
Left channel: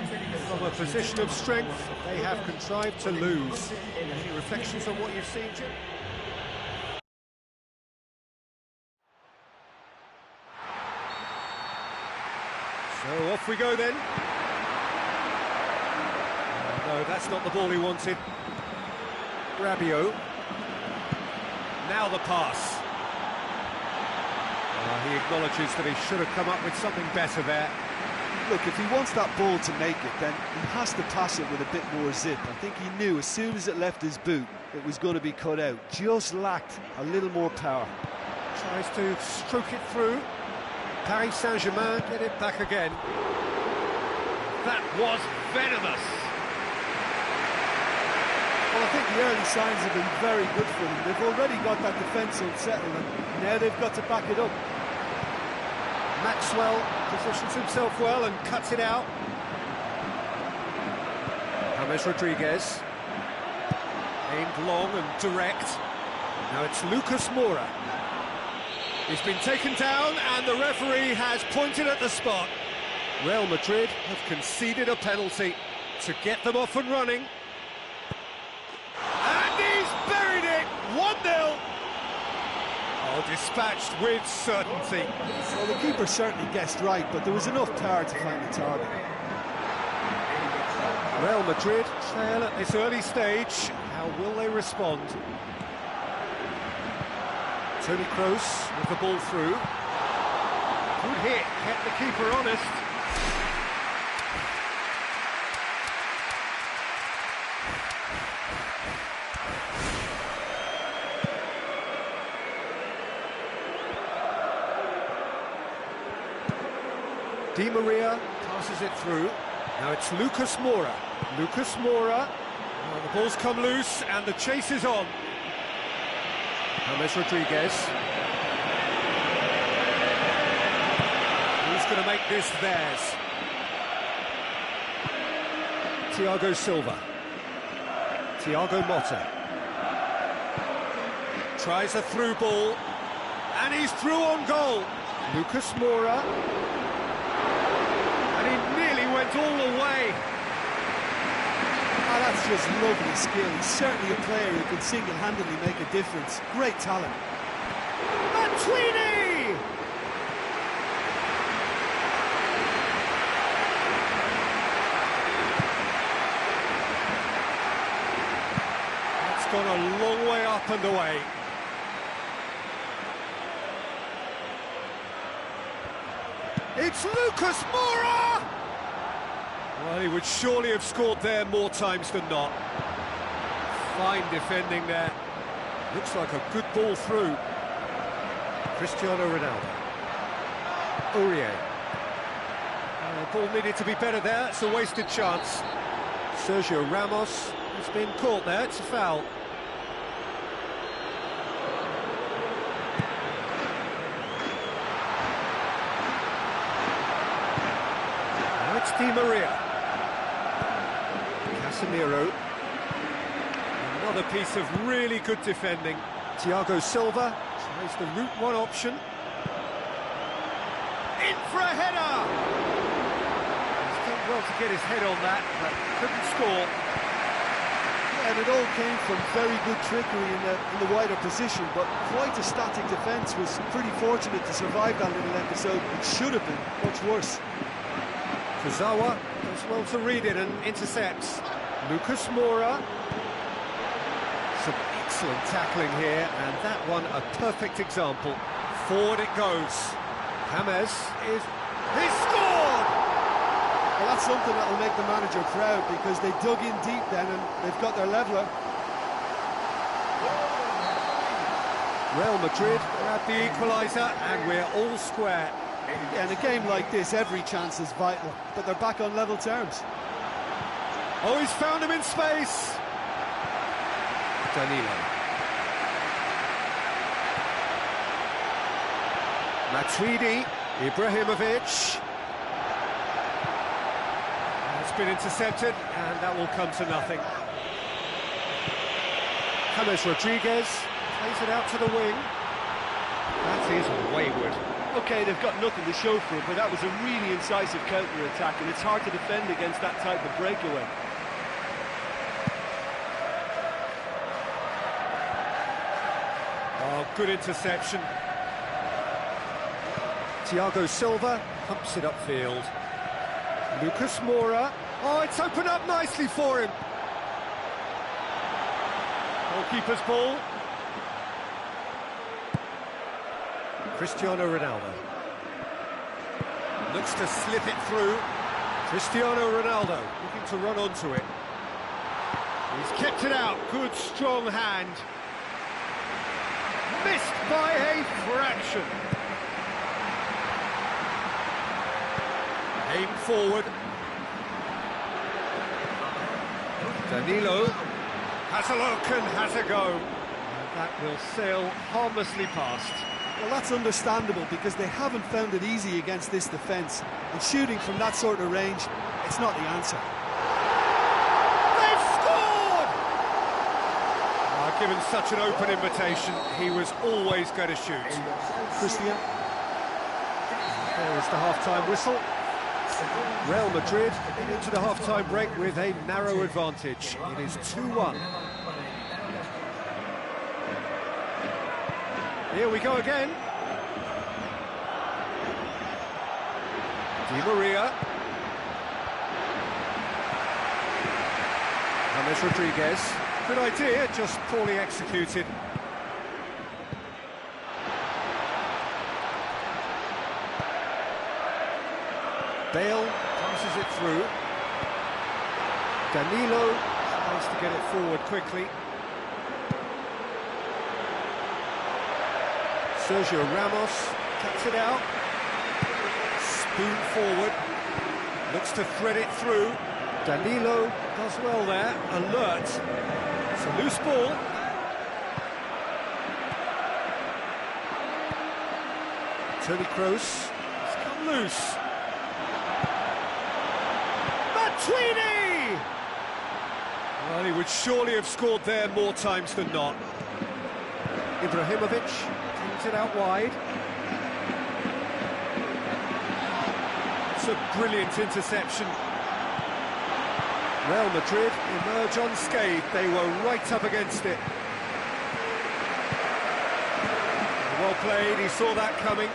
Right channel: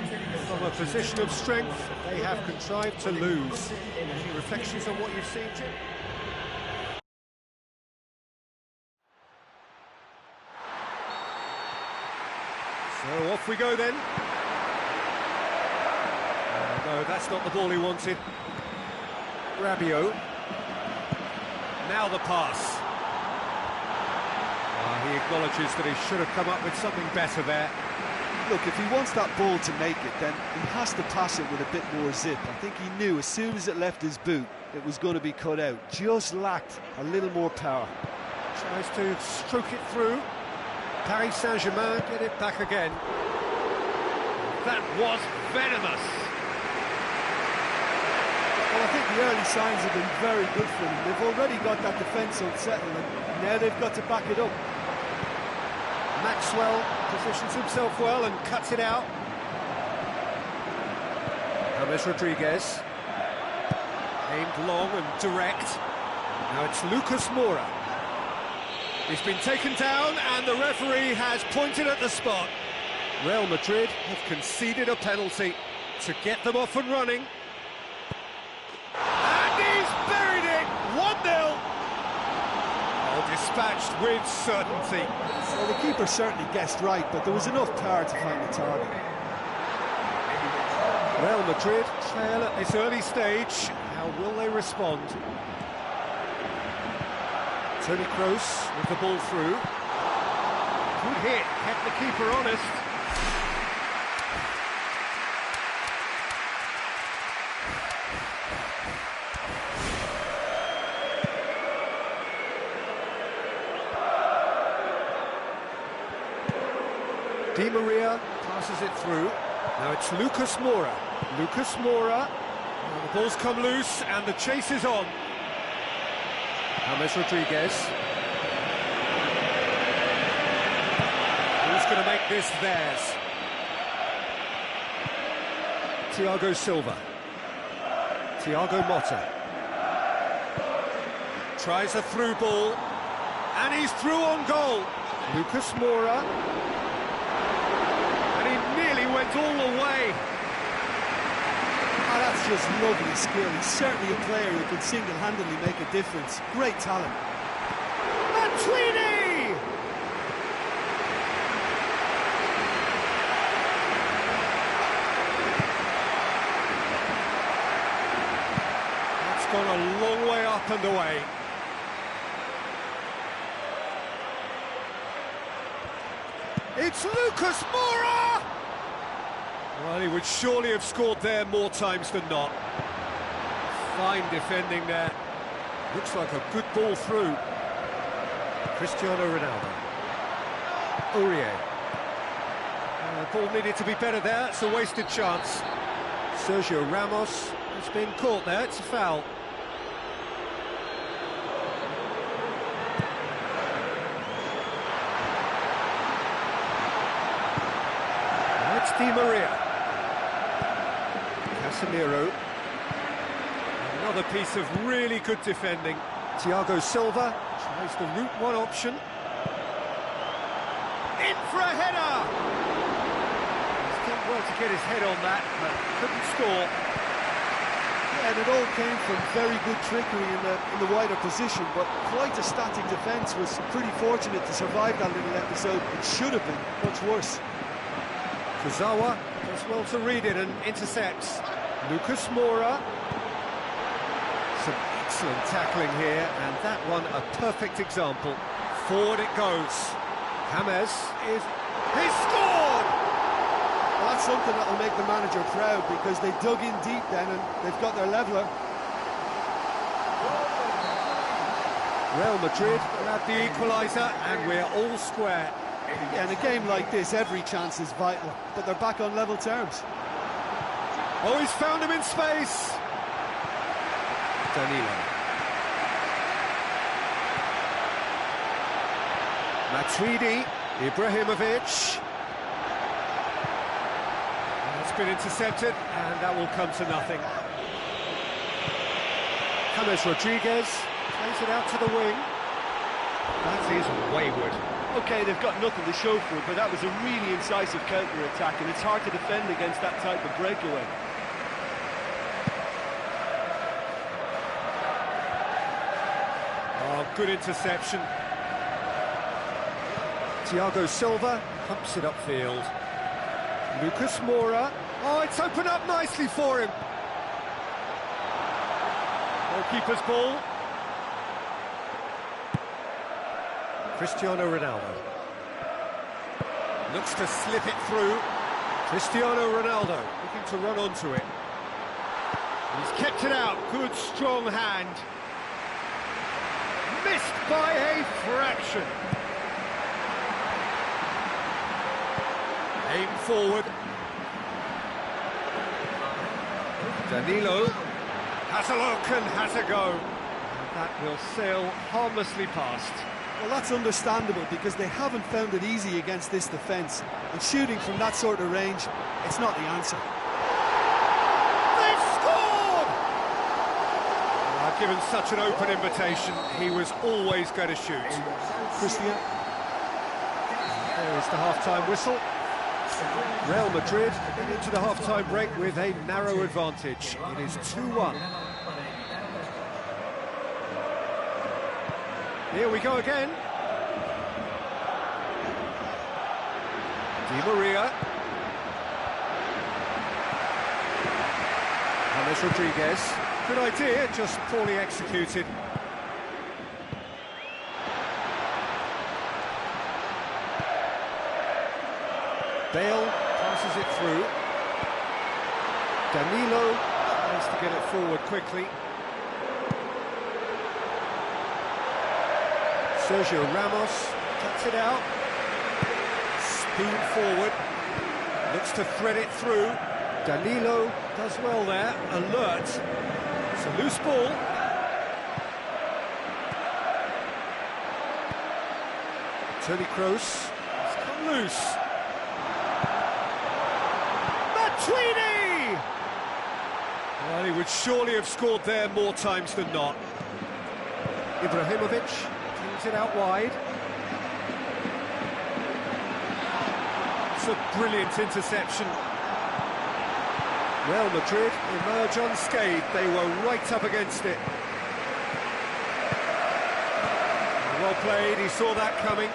From a position of strength, they have contrived to lose. Any reflections on what you've seen, Jim? So off we go then. No, that's not the ball he wanted. Rabiot. Now the pass. He acknowledges that he should have come up with something better there. Look, if he wants that ball to make it, then he has to pass it with a bit more zip. I think he knew as soon as it left his boot, it was going to be cut out. Just lacked a little more power. Tries to stroke it through. Paris Saint-Germain get it back again. That was venomous. Well, I think the early signs have been very good for them. They've already got that defence unsettled, and now they've got to back it up. Maxwell positions himself well and cuts it out. James Rodriguez. Aimed long and direct. Now it's Lucas Moura. He's been taken down and the referee has pointed at the spot. Real Madrid have conceded a penalty to get them off and running. And he's buried it! 1-0! Oh, dispatched with certainty. Well, the keeper certainly guessed right, but there was enough power to find the target. Real Madrid trail at this early stage. How will they respond? Toni Kroos with the ball through. Good hit, kept the keeper honest. Di Maria passes it through. Now it's Lucas Moura. Lucas Moura. Oh, the ball's come loose and the chase is on. James Rodriguez. Who's going to make this theirs? Thiago Silva. Thiago Motta. Tries a through ball. And he's through on goal. Lucas Moura. And he nearly went all the way. Oh, that's just lovely skill. He's certainly a player who can single-handedly make a difference. Great talent. Matuidi! That's gone a long way up and away. It's Lucas Moura! Well, he would surely have scored there more times than not. Fine defending there. Looks like a good ball through. Cristiano Ronaldo. Aurier. The ball needed to be better there. It's a wasted chance. Sergio Ramos has been caught there. It's a foul. Now it's Di Maria. Casemiro. Another piece of really good defending. Thiago Silva tries the route one option. In for a header! He's done well to get his head on that, but couldn't score. Yeah, and it all came from very good trickery in the wider position, but quite a static defence. Was pretty fortunate to survive that little episode. It should have been much worse. Kurzawa does well to read it and intercepts. Lucas Moura. Some excellent tackling here, and that one a perfect example. Forward it goes. James is... He's scored! Well, that's something that'll make the manager proud, because they dug in deep then and they've got their leveller. Real Madrid grab the equaliser, and we're all square. Yeah, in a game like this, every chance is vital, but they're back on level terms. Oh, he's found him in space! Danilo. Matuidi, Ibrahimovic. It's been intercepted, and that will come to nothing. James Rodriguez plays it out to the wing. That is wayward. OK, they've got nothing to show for it, but that was a really incisive counter-attack, and it's hard to defend against that type of breakaway. Oh, good interception. Thiago Silva pumps it upfield. Lucas Moura. Oh, it's opened up nicely for him. Goalkeeper's ball. Cristiano Ronaldo. Looks to slip it through. Cristiano Ronaldo looking to run onto it. He's kept it out. Good, strong hand. Missed by a fraction. Aim forward. Danilo has a look and has a go. And that will sail harmlessly past. Well, that's understandable, because they haven't found it easy against this defence. And shooting from that sort of range, it's not the answer. They've scored! Given such an open invitation, he was always going to shoot. Christian. There is the half-time whistle. Real Madrid into the half-time break with a narrow advantage. It is 2-1. Here we go again. Di Maria. James Rodriguez. Good idea, just poorly executed. Bale passes it through. Danilo tries to get it forward quickly. Sergio Ramos cuts it out. Spoon forward. Looks to thread it through. Danilo does well there. Alert. It's a loose ball. Toni Kroos has come loose. Matuidi! Well, he would surely have scored there more times than not. Ibrahimovic brings it out wide. It's a brilliant interception. Real Madrid emerge unscathed. They were right up against it. Well played, he saw that coming.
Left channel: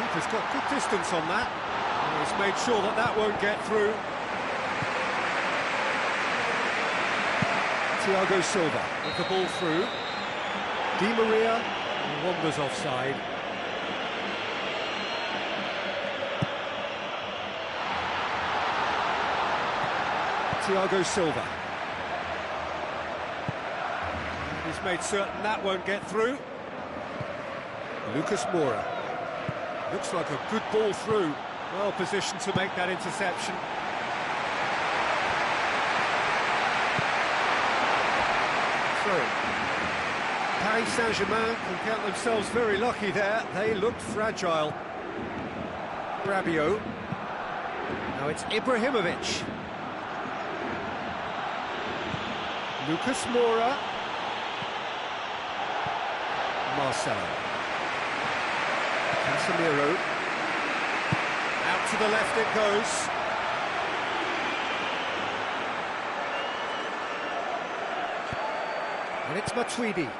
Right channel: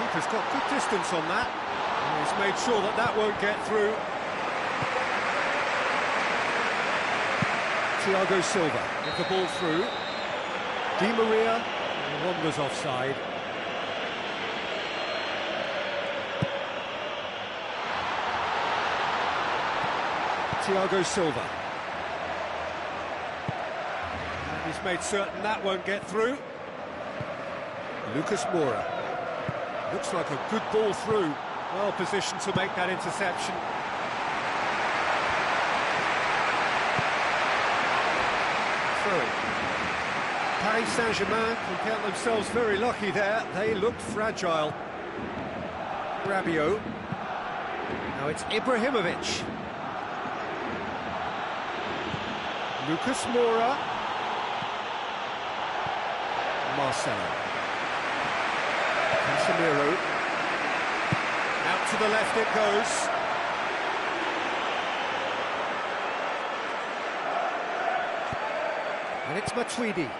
Keeper's got good distance on that. And he's made sure that that won't get through. Thiago Silva with the ball through. Di Maria wanders offside. Thiago Silva. And he's made certain that won't get through. Lucas Moura. Looks like a good ball through. Well positioned to make that interception. Through. Paris Saint-Germain can count themselves very lucky there. They looked fragile. Rabiot. Now it's Ibrahimovic. Lucas Moura. Marcelo. Casemiro. Out to the left it goes. And it's Matuidi.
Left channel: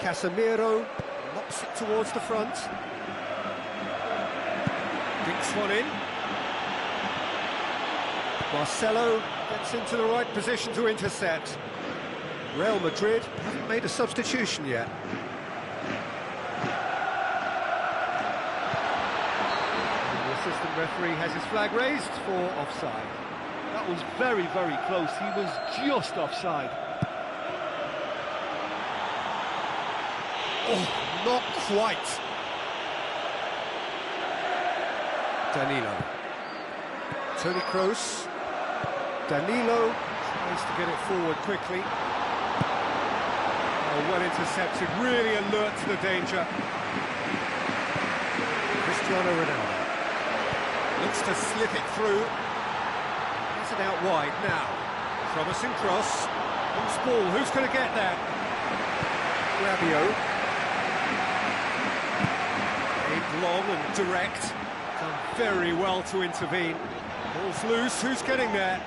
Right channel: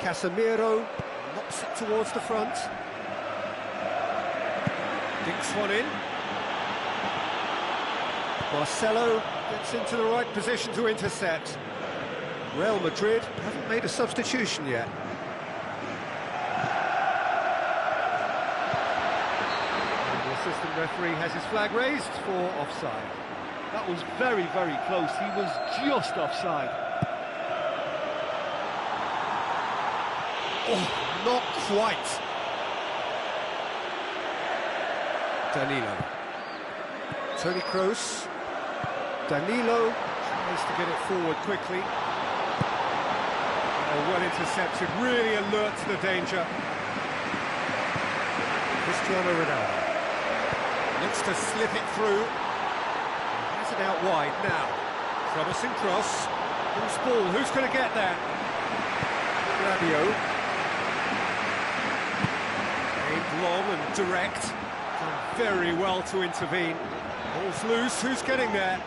Casemiro knocks it towards the front. Dinks one in. Marcelo gets into the right position to intercept. Real Madrid haven't made a substitution yet. And the assistant referee has his flag raised for offside. That was very, very close. He was just offside. Oh, not quite. Danilo. Toni Kroos. Danilo tries to get it forward quickly. Oh, well intercepted, really alert to the danger. Cristiano Ronaldo. Looks to slip it through. He has it out wide now. Promising cross. Who's ball? Who's going to get that? Rabiot. Aimed long and direct. Done very well to intervene. Ball's loose. Who's getting there?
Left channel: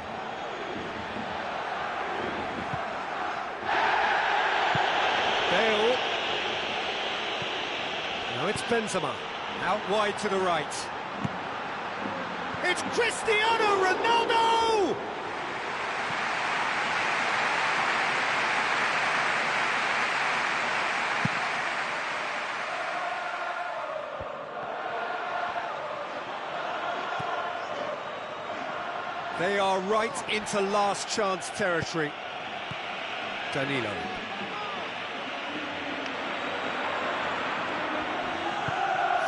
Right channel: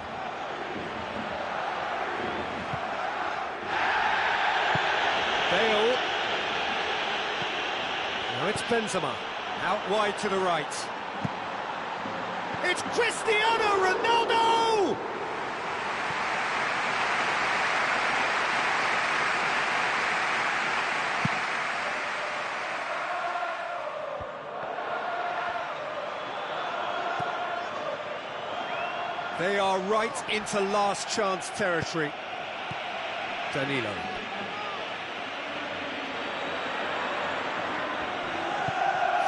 Bale. Now it's Benzema. Out wide to the right. It's Cristiano Ronaldo! They are right into last chance territory. Danilo.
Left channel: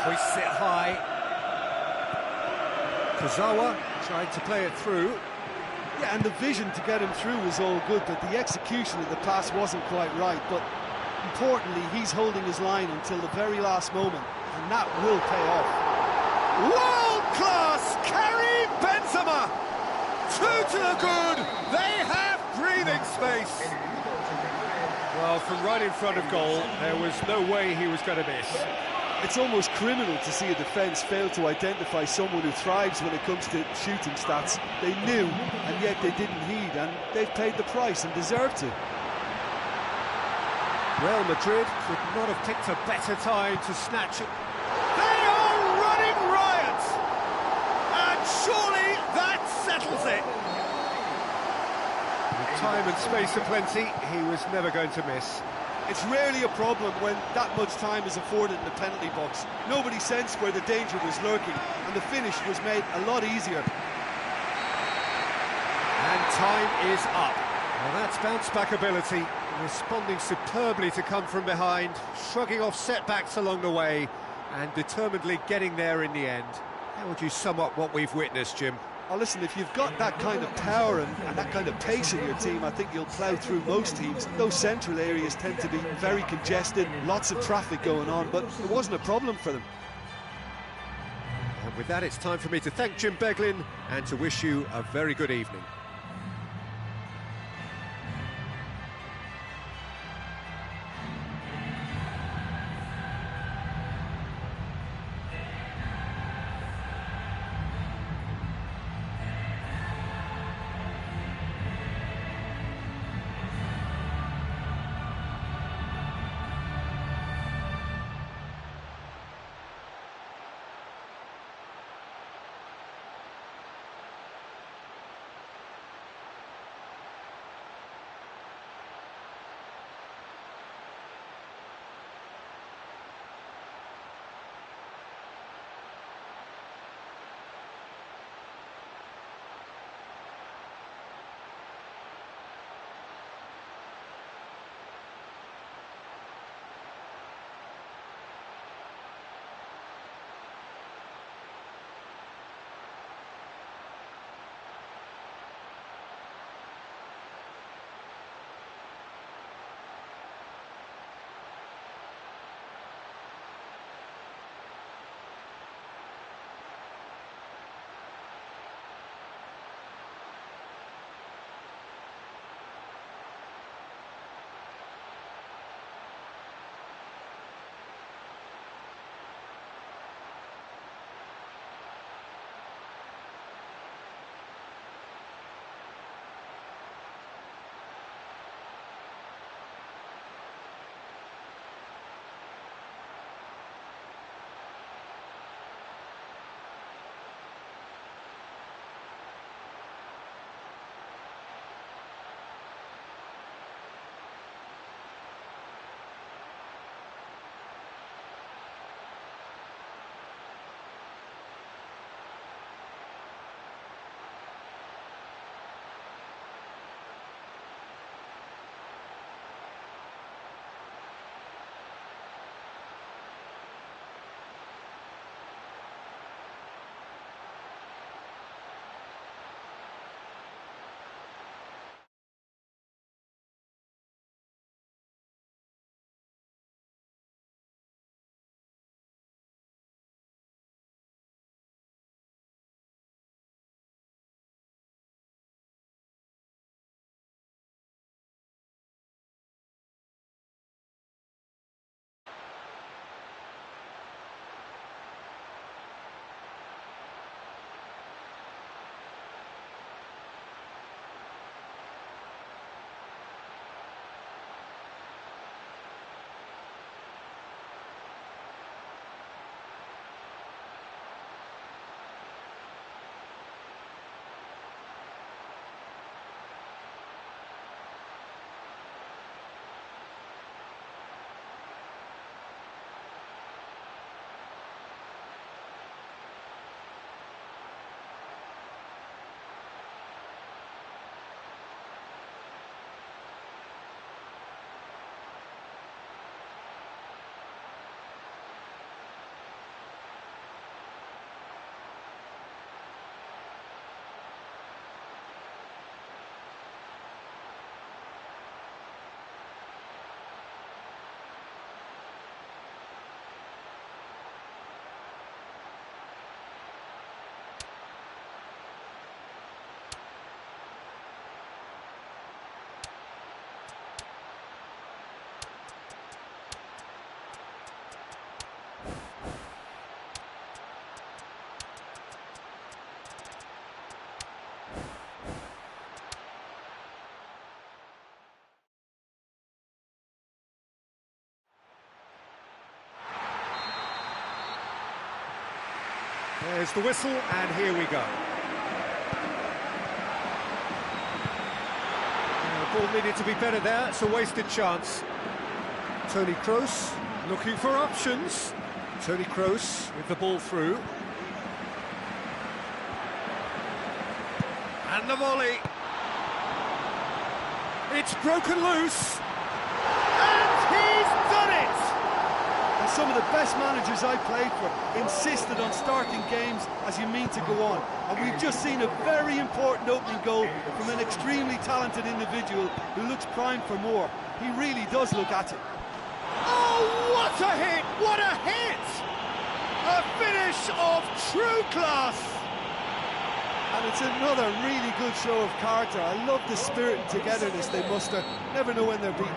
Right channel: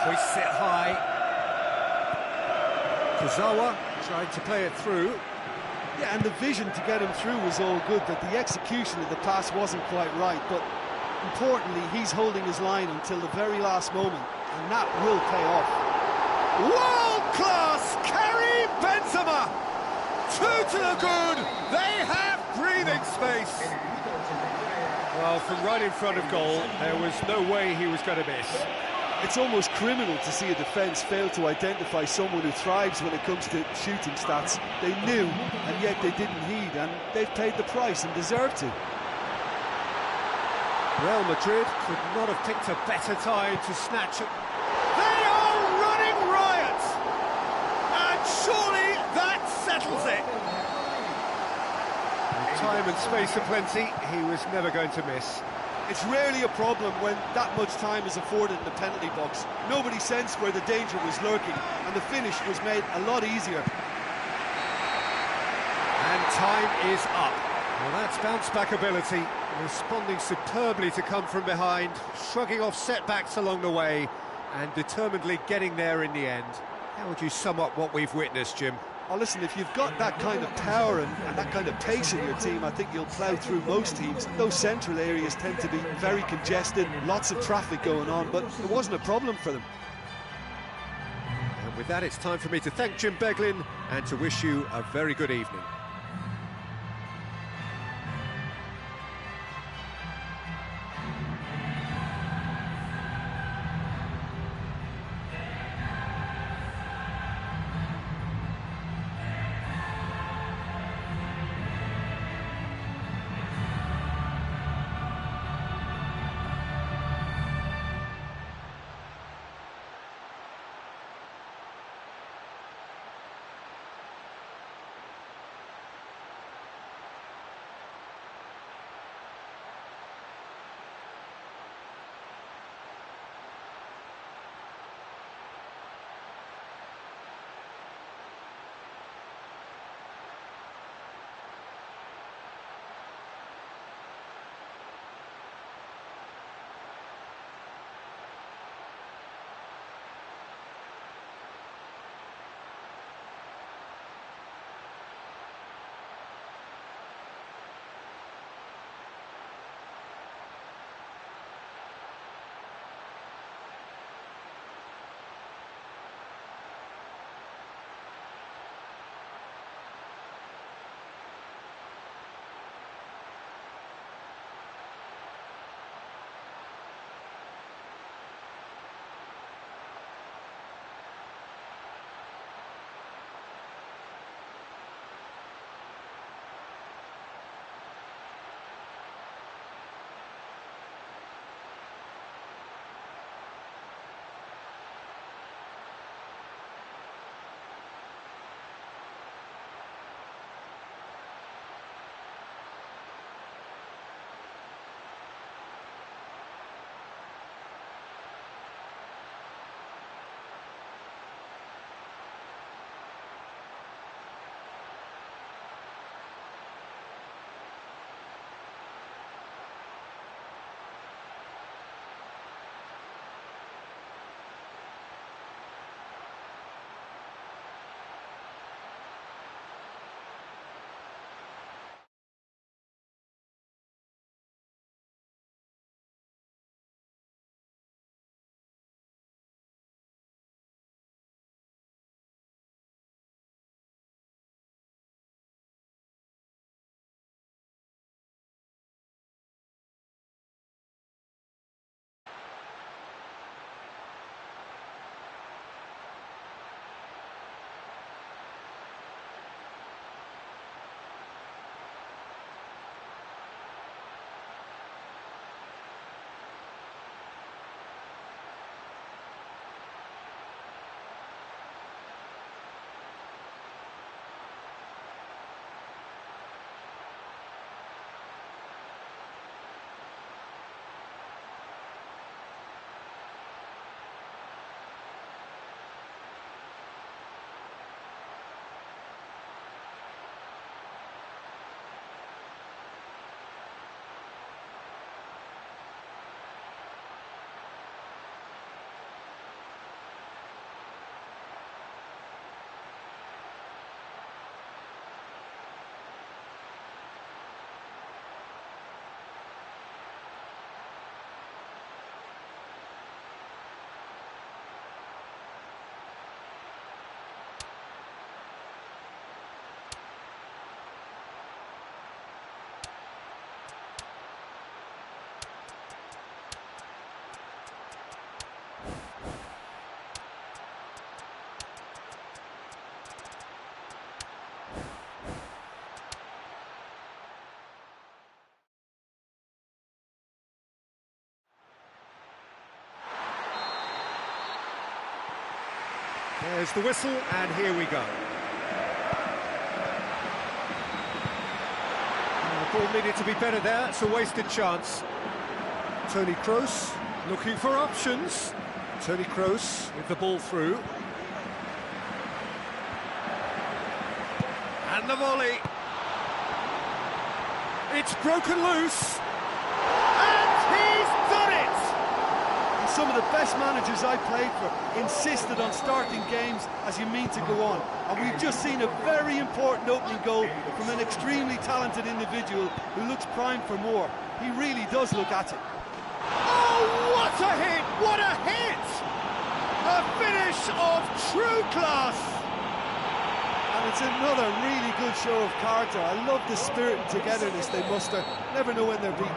Hoists it high. Kurzawa tried to play it through. Yeah, and the vision to get him through was all good, but the execution of the pass wasn't quite right. But importantly, he's holding his line until the very last moment, and that will pay off. World-class Karim Benzema! Two to the good! They have breathing space! Well, from right in front of goal, there was no way he was going to miss. It's almost criminal to see a defence fail to identify someone who thrives when it comes to shooting stats. They knew, and yet they didn't heed, and they've paid the price and deserve to. Real Madrid could not have picked a better time to snatch it. They are running riot! And surely that settles it! With time and space aplenty, he was never going to miss. It's rarely a problem when that much time is afforded in the penalty box. Nobody sensed where the danger was lurking, and the finish was made a lot easier. And time is up. Well, that's bounce-back ability, responding superbly to come from behind, shrugging off setbacks along the way, and determinedly getting there in the end. How would you sum up what we've witnessed, Jim? Oh, listen, if you've got that kind of power and that kind of pace in your team, I think you'll plough through most teams. Those central areas tend to be very congested, lots of traffic going on, but it wasn't a problem for them. And with that, it's time for me to thank Jim Beglin and to wish you a very good evening. There's the whistle, and here we go. The ball needed to be better there. It's a wasted chance. Toni Kroos looking for options. Toni Kroos with the ball through. And the volley. It's broken loose. And he's done it! And some of the best managers I played for insisted on starting games as you mean to go on. And we've just seen a very important opening goal from an extremely talented individual who looks primed for more. He really does look at it. Oh, what a hit! What a hit! A finish of true class! And it's another really good show of character. I love the spirit and togetherness they muster. Never know when they're beaten.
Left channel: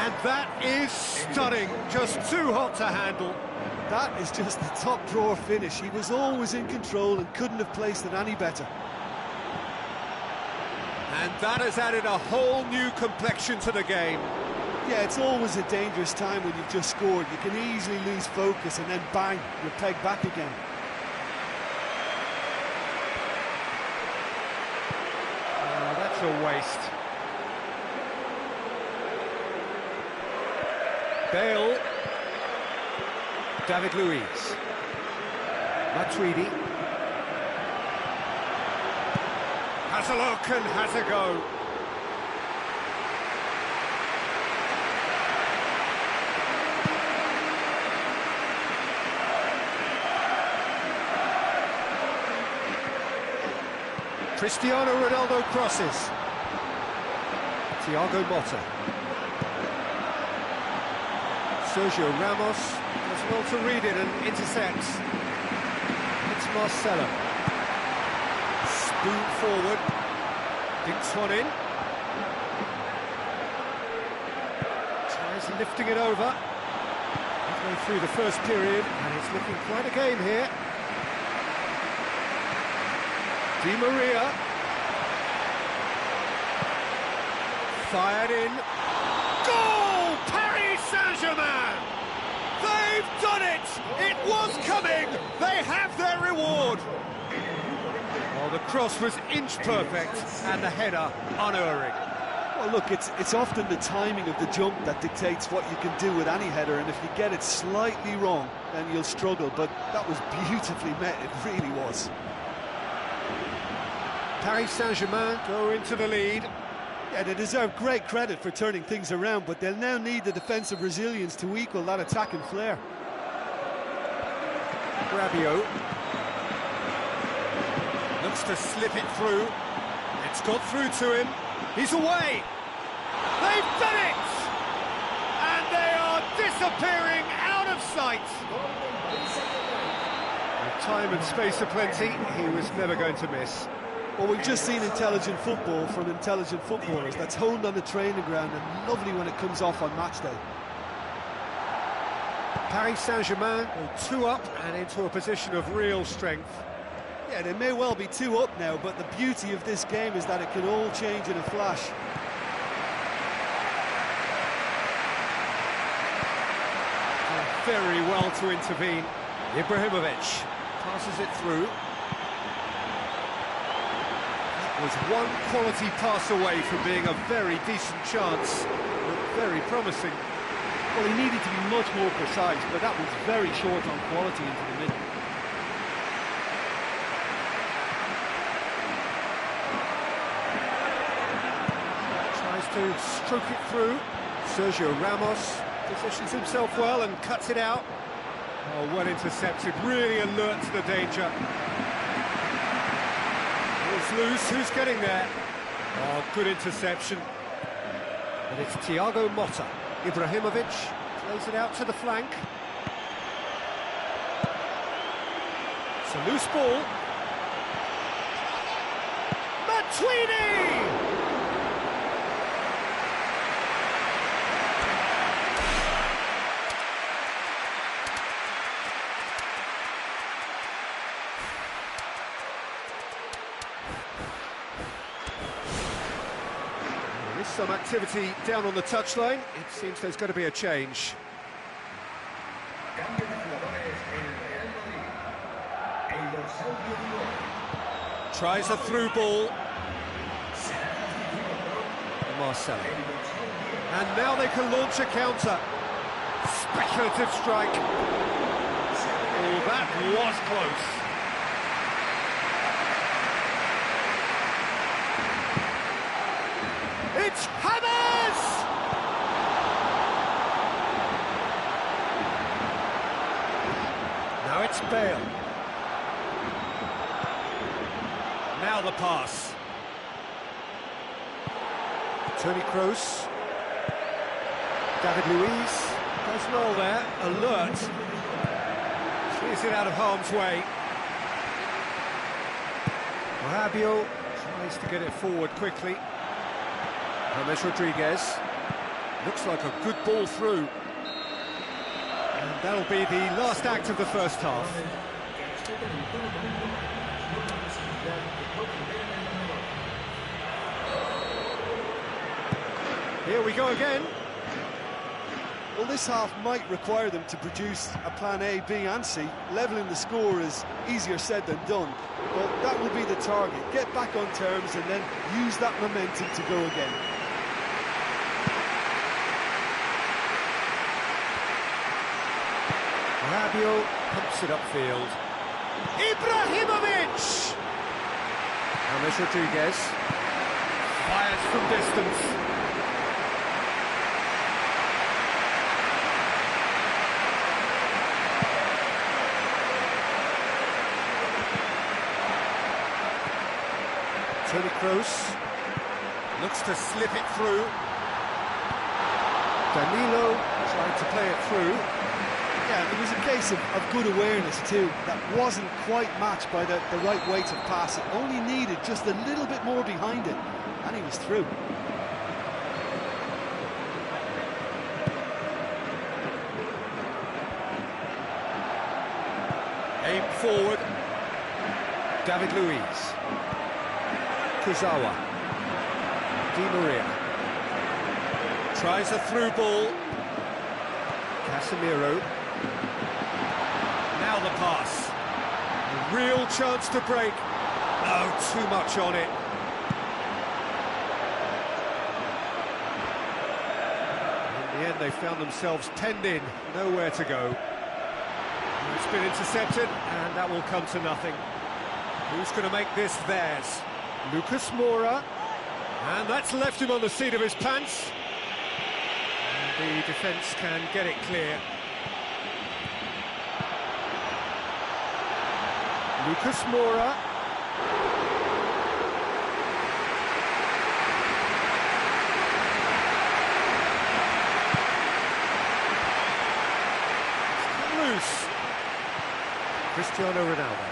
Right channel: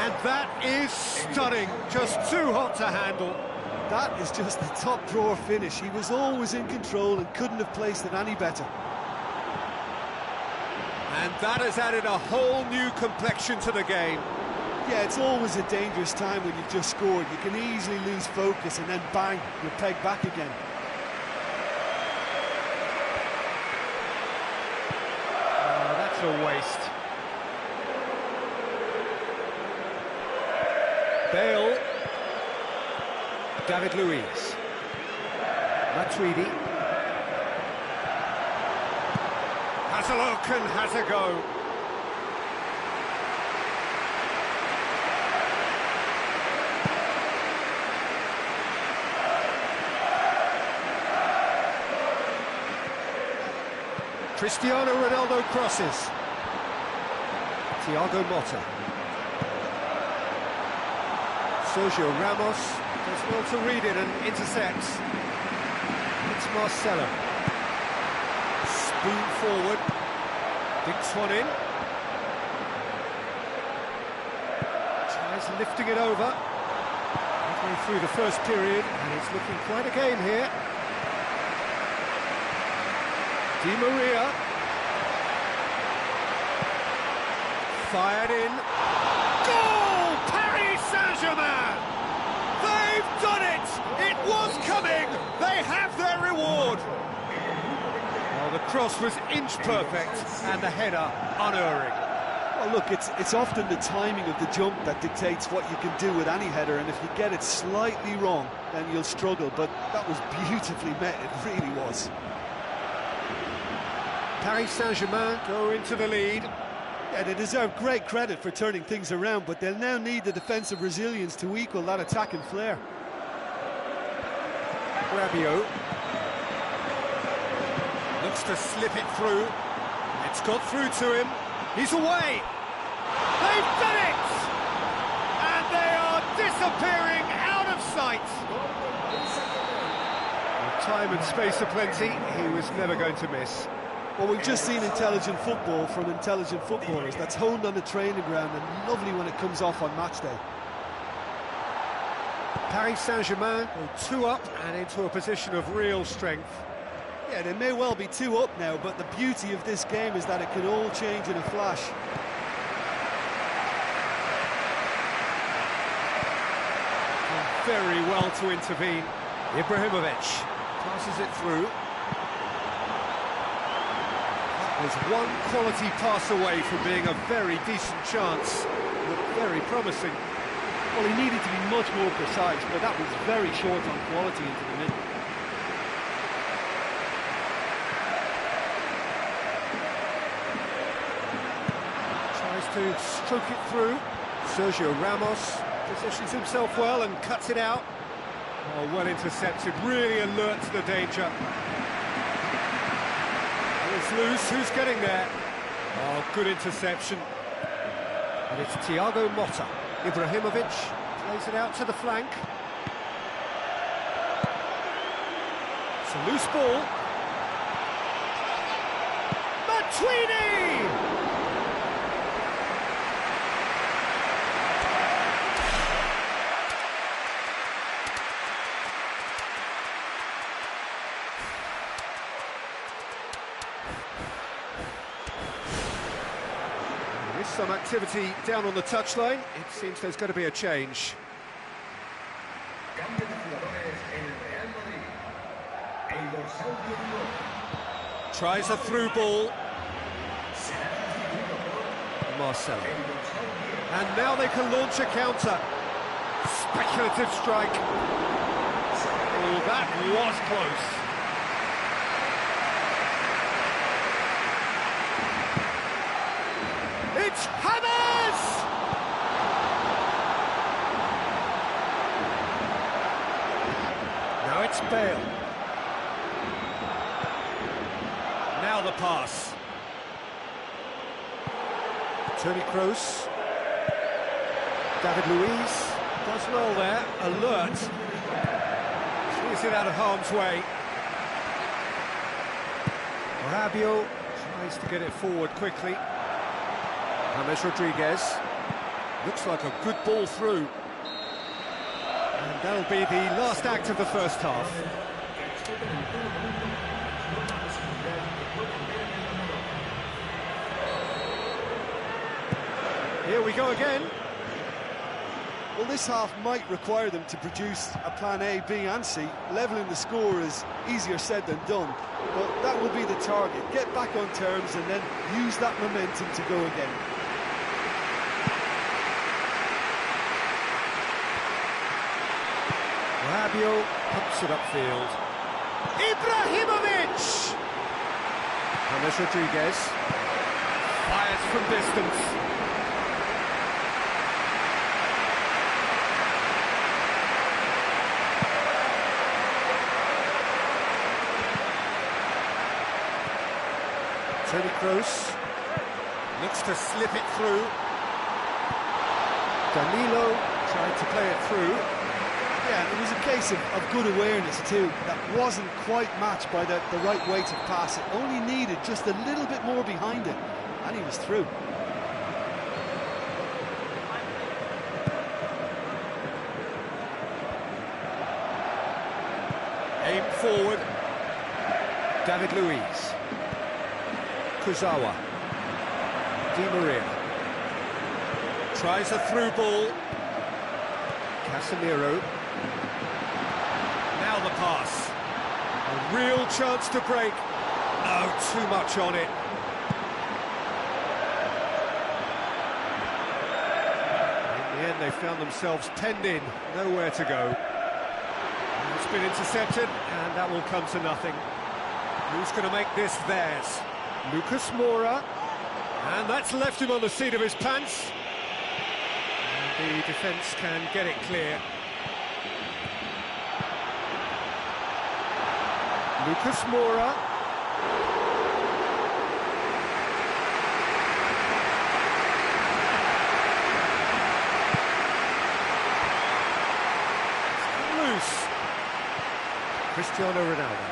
And that is stunning. Just too hot to handle. That is just the top drawer finish. He was always in control and couldn't have placed it any better. And that has added a whole new complexion to the game. Yeah, it's always a dangerous time when you've just scored. You can easily lose focus and then bang, you're pegged back again. Oh, that's a waste. Bale. David Luiz. Matuidi. Has a look and has a go. Cristiano Ronaldo crosses. Thiago Motta. Sergio Ramos does well to read it and intercepts. It's Marcelo. Spoon forward. Dinks one in. Tries lifting it over. Midway through the first period, and it's looking quite a game here. Di Maria. Fired in. Goal! Paris Saint-Germain! They've done it! It was coming! They have their reward! Well, the cross was inch perfect, and the header unerring. Well, look, it's often the timing of the jump that dictates what you can do with any header, and if you get it slightly wrong, then you'll struggle, but that was beautifully met, it really was. Paris Saint-Germain go into the lead. Yeah, they deserve great credit for turning things around, but they'll now need the defensive resilience to equal that attacking flair. Rabiot looks to slip it through. It's got through to him. He's away. They've done it! And they are disappearing out of sight. With time and space aplenty, he was never going to miss. Well, we've just seen intelligent football from intelligent footballers. That's honed on the training ground and lovely when it comes off on match day. Paris Saint-Germain go 2 up and into a position of real strength. Yeah, they may well be 2 up now, but the beauty of this game is that it can all change in a flash. Very well to intervene. Ibrahimovic passes it through. Was one quality pass away from being a very decent chance. Looked very promising. Well, he needed to be much more precise, but that was very short on quality into the middle. Tries to stroke it through. Sergio Ramos positions himself well and cuts it out. Oh, well intercepted, really alert to the danger. It's loose, who's getting there? Oh, good interception. And it's Thiago Motta. Ibrahimovic plays it out to the flank. It's a loose ball. Matuidi! There is some activity down on the touchline. It seems there's going to be a change. Tries a through ball. Marcelo. And now they can launch a counter. Speculative strike. Oh, that was close. It's Hammers! Now it's Bale. Now the pass. Toni Kroos. David Luiz does well there, alert. Clears it out of harm's way. Fabio tries to get it forward quickly. James Rodriguez. Looks like a good ball through. And that'll be the last act of the first half. Here we go again. Well, this half might require them to produce a plan A, B and C. Levelling the score is easier said than done, but that will be the target. Get back on terms and then use that momentum to go again. Fabio pumps it upfield. Ibrahimovic! James Rodriguez fires from distance. Toni Kroos looks to slip it through. Danilo tried to play it through. Yeah, and it was a case of good awareness too. That wasn't quite matched by the right weight of pass. It only needed just a little bit more behind it, and he was through. Aim forward. David Luiz. Kurzawa. Di Maria. Tries a through ball. Casemiro. Now the pass. A real chance to break. No, too much on it. In the end, they found themselves penned in, nowhere to go. It's been intercepted, and that will come to nothing. Who's going to make this theirs? Lucas Moura. And that's left him on the seat of his pants. And the defence can get it clear. Lucas Moura. It's come loose. Cristiano Ronaldo.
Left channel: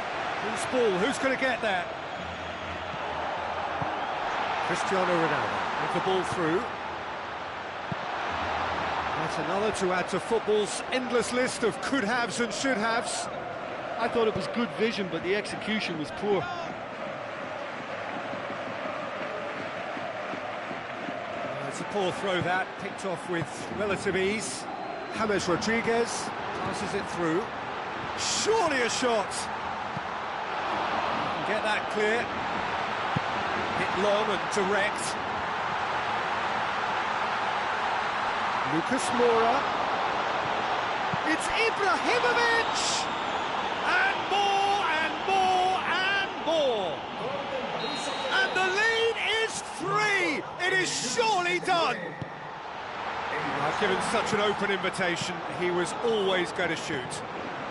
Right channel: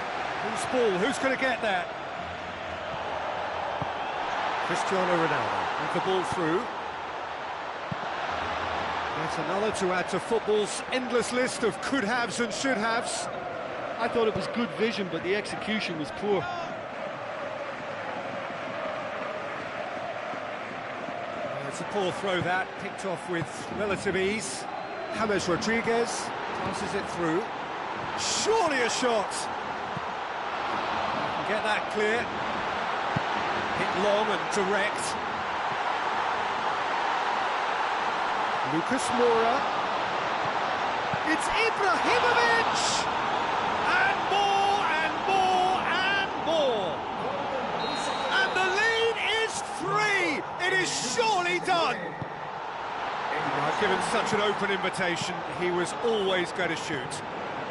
Who's ball? Who's going to get that? Cristiano Ronaldo with the ball through. That's another to add to football's endless list of could-haves and should-haves. I thought it was good vision, but the execution was poor. It's a poor throw that, picked off with relative ease. James Rodriguez passes it through. Surely a shot. You can get that clear. Hit long and direct. Lucas Moura. It's Ibrahimovic! And more, and more, and more! And the lead is 3! It is surely done! Given such an open invitation, he was always going to shoot.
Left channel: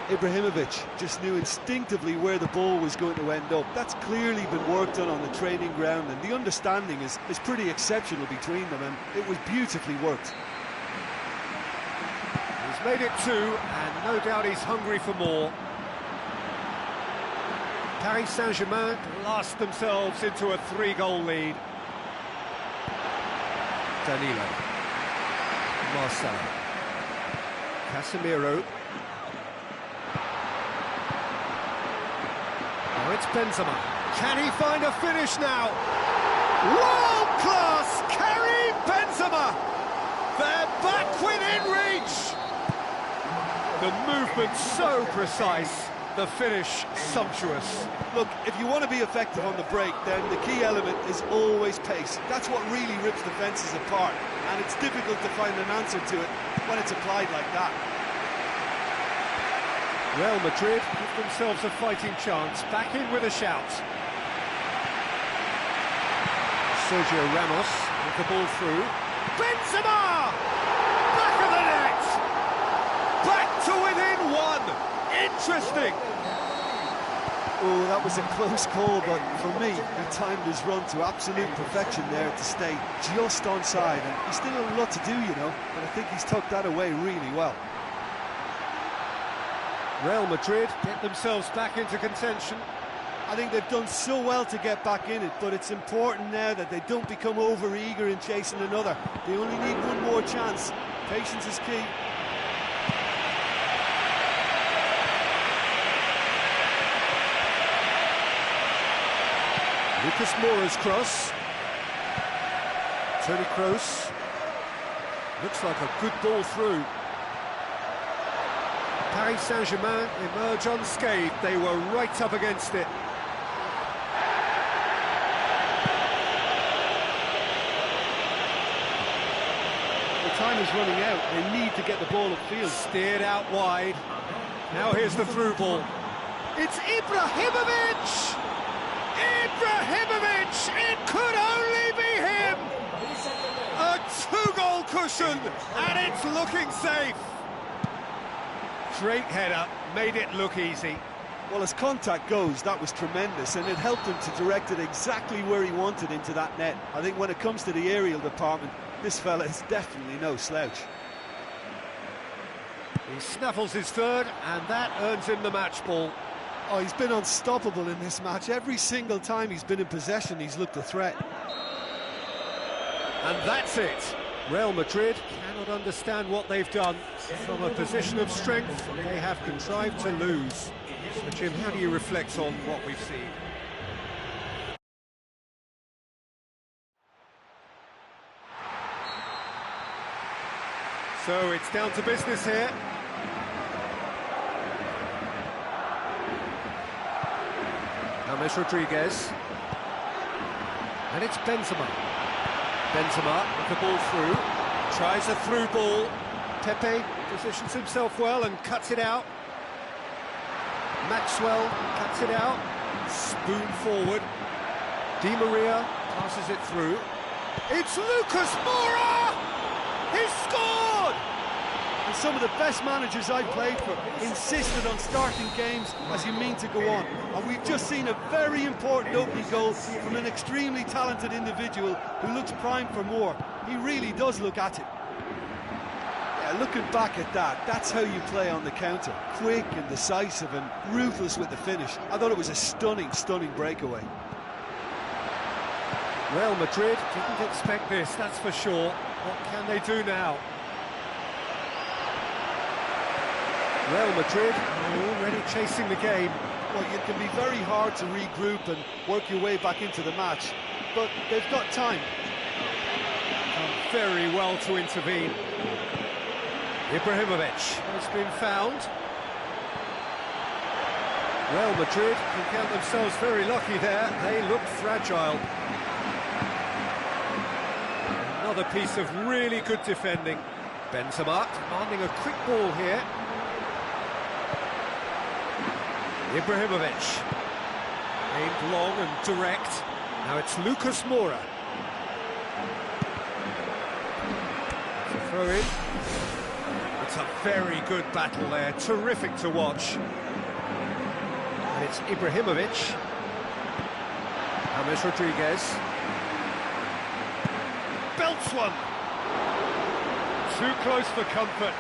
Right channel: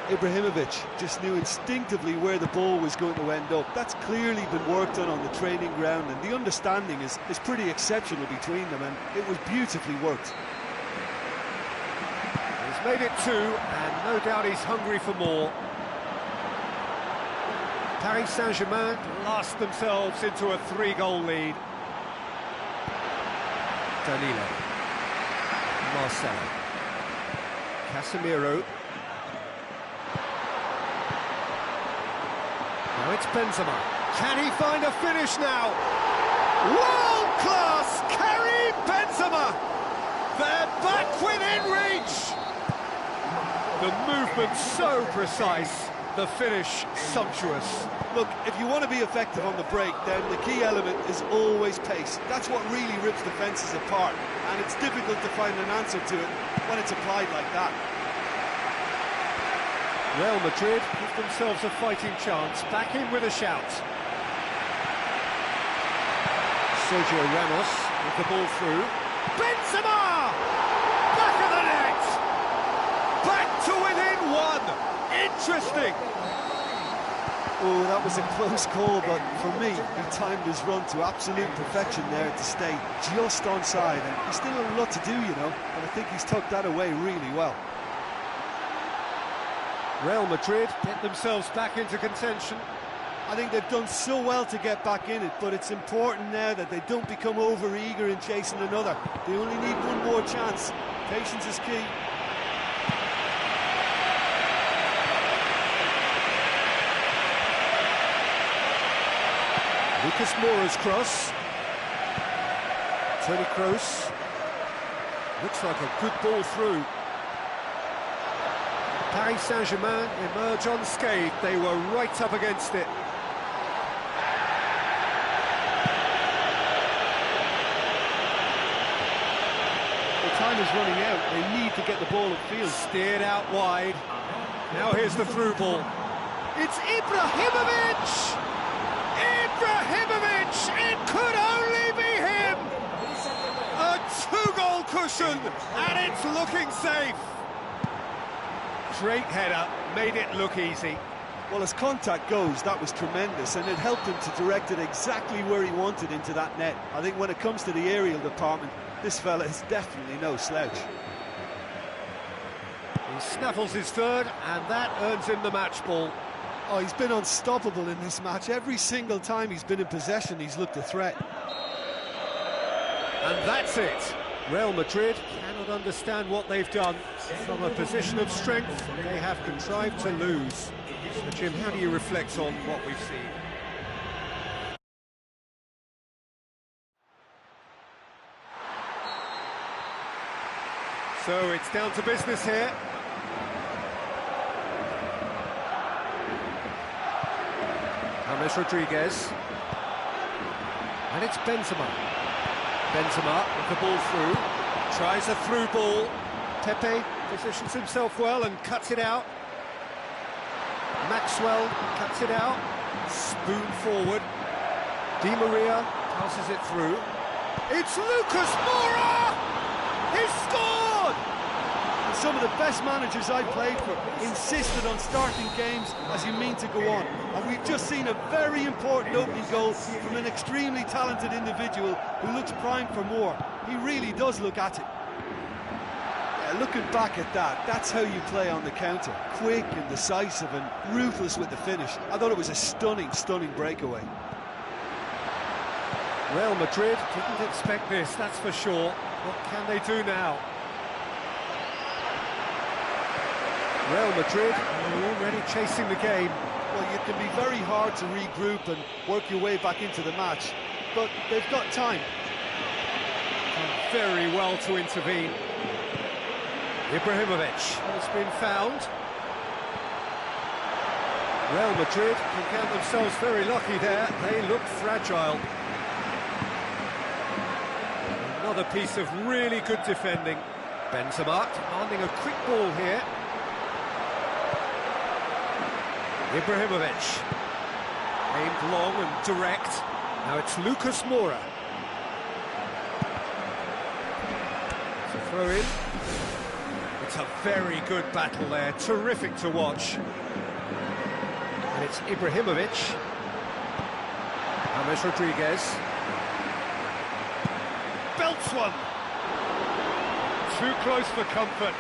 Ibrahimovic just knew instinctively where the ball was going to end up. That's clearly been worked on the training ground, and the understanding is pretty exceptional between them, and it was beautifully worked. He's made it 2, and no doubt he's hungry for more. Paris Saint-Germain blast themselves into a 3-goal lead. Danilo. Marcelo. Casemiro. Now it's Benzema. Can he find a finish now? World-class Karim Benzema! They're back within reach! The movement so precise, the finish sumptuous. Look, if you want to be effective on the break, then the key element is always pace. That's what really rips defences apart, and it's difficult to find an answer to it when it's applied like that. Real Madrid give themselves a fighting chance, back in with a shout. Sergio Ramos with the ball through. Benzema! Back of the net! Back to within one! Interesting! Oh, that was a close call, but for me, he timed his run to absolute perfection there to stay just onside, and he's still a lot to do, you know, but I think he's tucked that away really well. Real Madrid get themselves back into contention. I think they've done so well to get back in it, but it's important now that they don't become over-eager in chasing another. They only need one more chance. Patience is key. Lucas Moura's cross. Toni Kroos. Looks like a good ball through. Paris Saint-Germain emerge unscathed. They were right up against it. The time is running out. They need to get the ball upfield. Steered out wide. Now here's the through ball. It's Ibrahimovic! Ibrahimovic! It could only be him! A two-goal cushion, and it's looking safe. Great header, made it look easy. Well, as contact goes, that was tremendous, and it helped him to direct it exactly where he wanted into that net. I think when it comes to the aerial department, this fella is definitely no slouch. He snaffles his third, and that earns him the match ball. Oh, he's been unstoppable in this match. Every single time he's been in possession, he's looked a threat. And that's it. Real Madrid cannot understand what they've done. From a position of strength, they have contrived to lose. So, Jim, how do you reflect on what we've seen? So it's down to business here. James Rodriguez. And it's Benzema. Benzema with the ball through. Tries a through ball. Pepe positions himself well and cuts it out. Maxwell cuts it out. Spoon forward. Di Maria passes it through. It's Lucas Moura! He's scored! And some of the best managers I've played for insisted on starting games as you mean to go on. And we've just seen a very important opening goal from an extremely talented individual who looks primed for more. He really does look at it. Yeah, looking back at that, that's how you play on the counter. Quick and decisive and ruthless with the finish. I thought it was a stunning, stunning breakaway. Real Madrid didn't expect this, that's for sure. What can they do now? Real Madrid are already chasing the game. Well, it can be very hard to regroup and work your way back into the match, but they've got time. Done very well to intervene. Ibrahimovic has been found. Real Madrid can count themselves very lucky there. They look fragile. Another piece of really good defending. Benzema demanding a quick ball here. Ibrahimovic. Aimed long and direct. Now it's Lucas Moura. It's a throw in. It's a very good battle there. Terrific to watch. And it's Ibrahimovic. James Rodriguez. Belts one. Too close for comfort.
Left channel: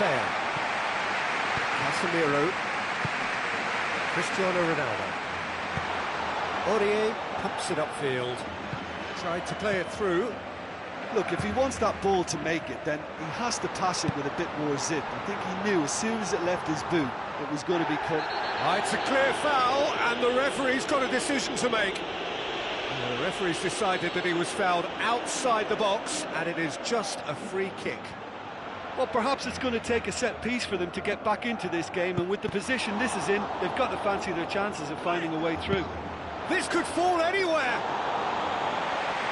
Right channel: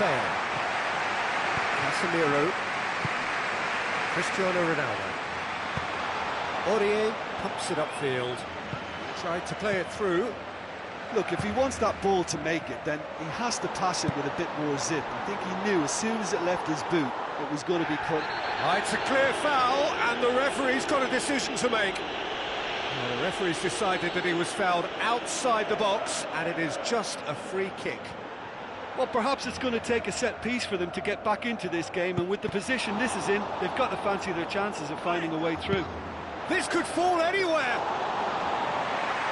Bale. Casemiro. Cristiano Ronaldo. Aurier pumps it upfield. Tried to play it through. Look, if he wants that ball to make it, then he has to pass it with a bit more zip. I think he knew as soon as it left his boot, it was going to be cut. It's a clear foul, and the referee's got a decision to make. Well, the referee's decided that he was fouled outside the box, and it is just a free kick. Well, perhaps it's going to take a set piece for them to get back into this game, and with the position this is in, they've got to fancy their chances of finding a way through. This could fall anywhere!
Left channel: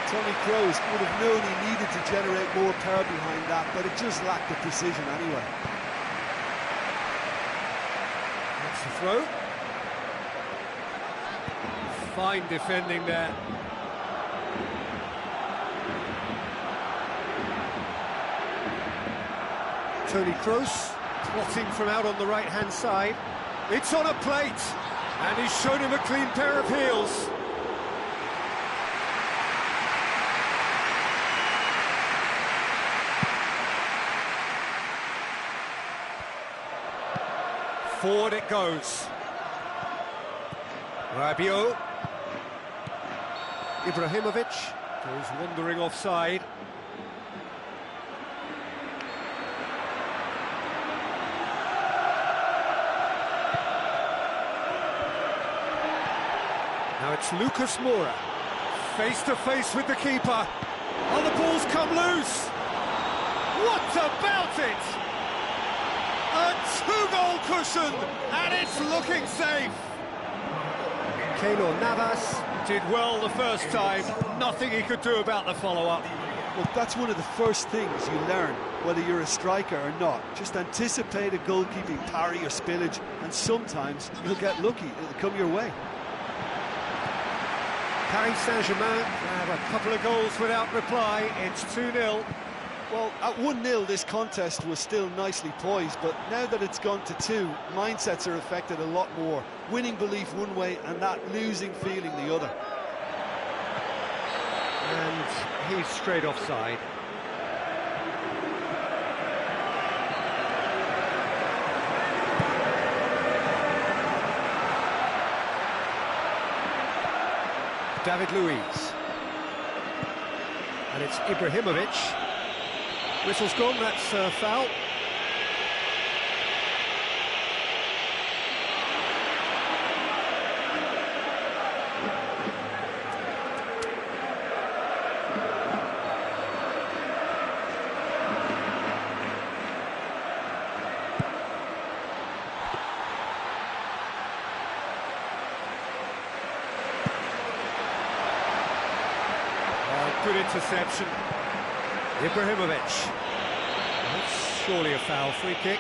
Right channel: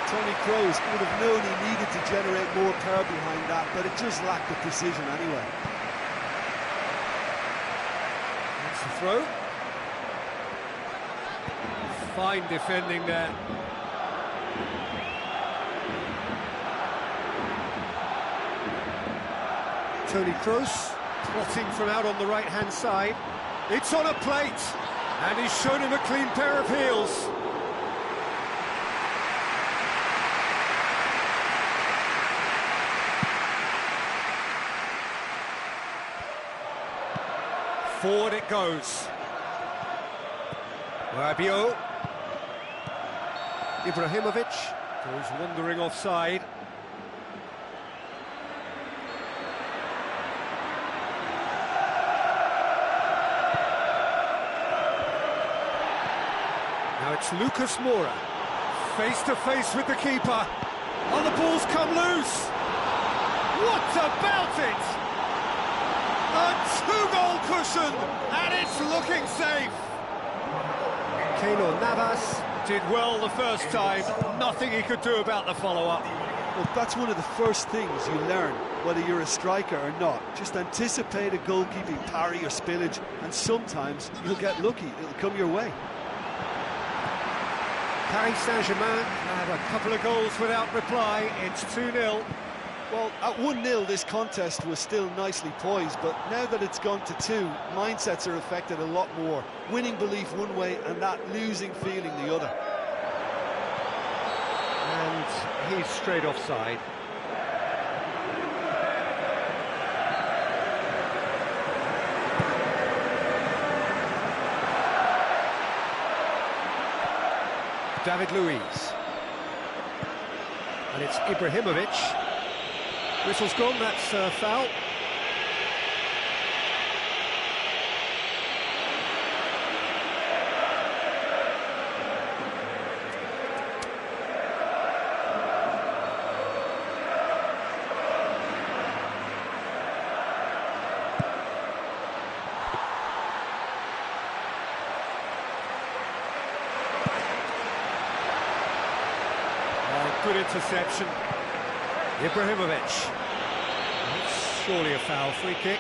Tony Kroos would have known he needed to generate more power behind that, but it just lacked the precision anyway. That's the throw. Fine defending there. Tony Kroos plotting from out on the right-hand side. It's on a plate, and he's shown him a clean pair of heels. Forward it goes. Rabiot. Ibrahimovic goes wandering offside. Now it's Lucas Moura, face to face with the keeper. Oh, the ball's come loose. What about it? A two-goal cushion, and it's looking safe. Keylor Navas did well the first time. Nothing he could do about the follow-up. Well, that's one of the first things you learn, whether you're a striker or not. Just anticipate a goalkeeping parry or spillage, and sometimes you'll get lucky. It'll come your way. Paris Saint-Germain have a couple of goals without reply. It's 2-0. Well, at 1-0 this contest was still nicely poised, but now that it's gone to 2, mindsets are affected a lot more. Winning belief one way and that losing feeling the other. And he's straight offside. David Luiz. And it's Ibrahimovic. Whistle's gone, that's a foul. Good interception. Ibrahimovic. That's surely a foul, free kick.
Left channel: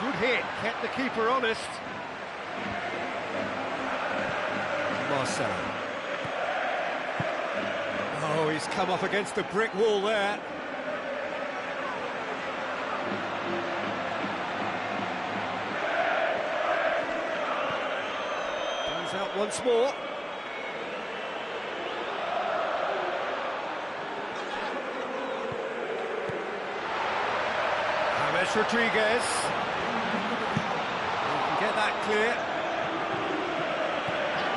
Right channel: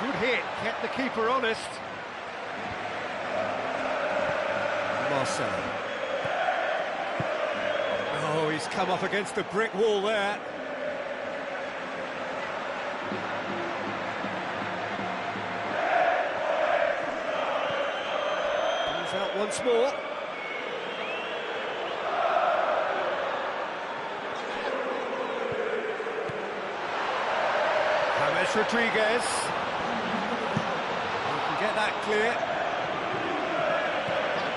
Good hit, kept the keeper honest. Marcelo. Oh, he's come up against a brick wall there. Out once more. James Rodriguez. He can get that clear.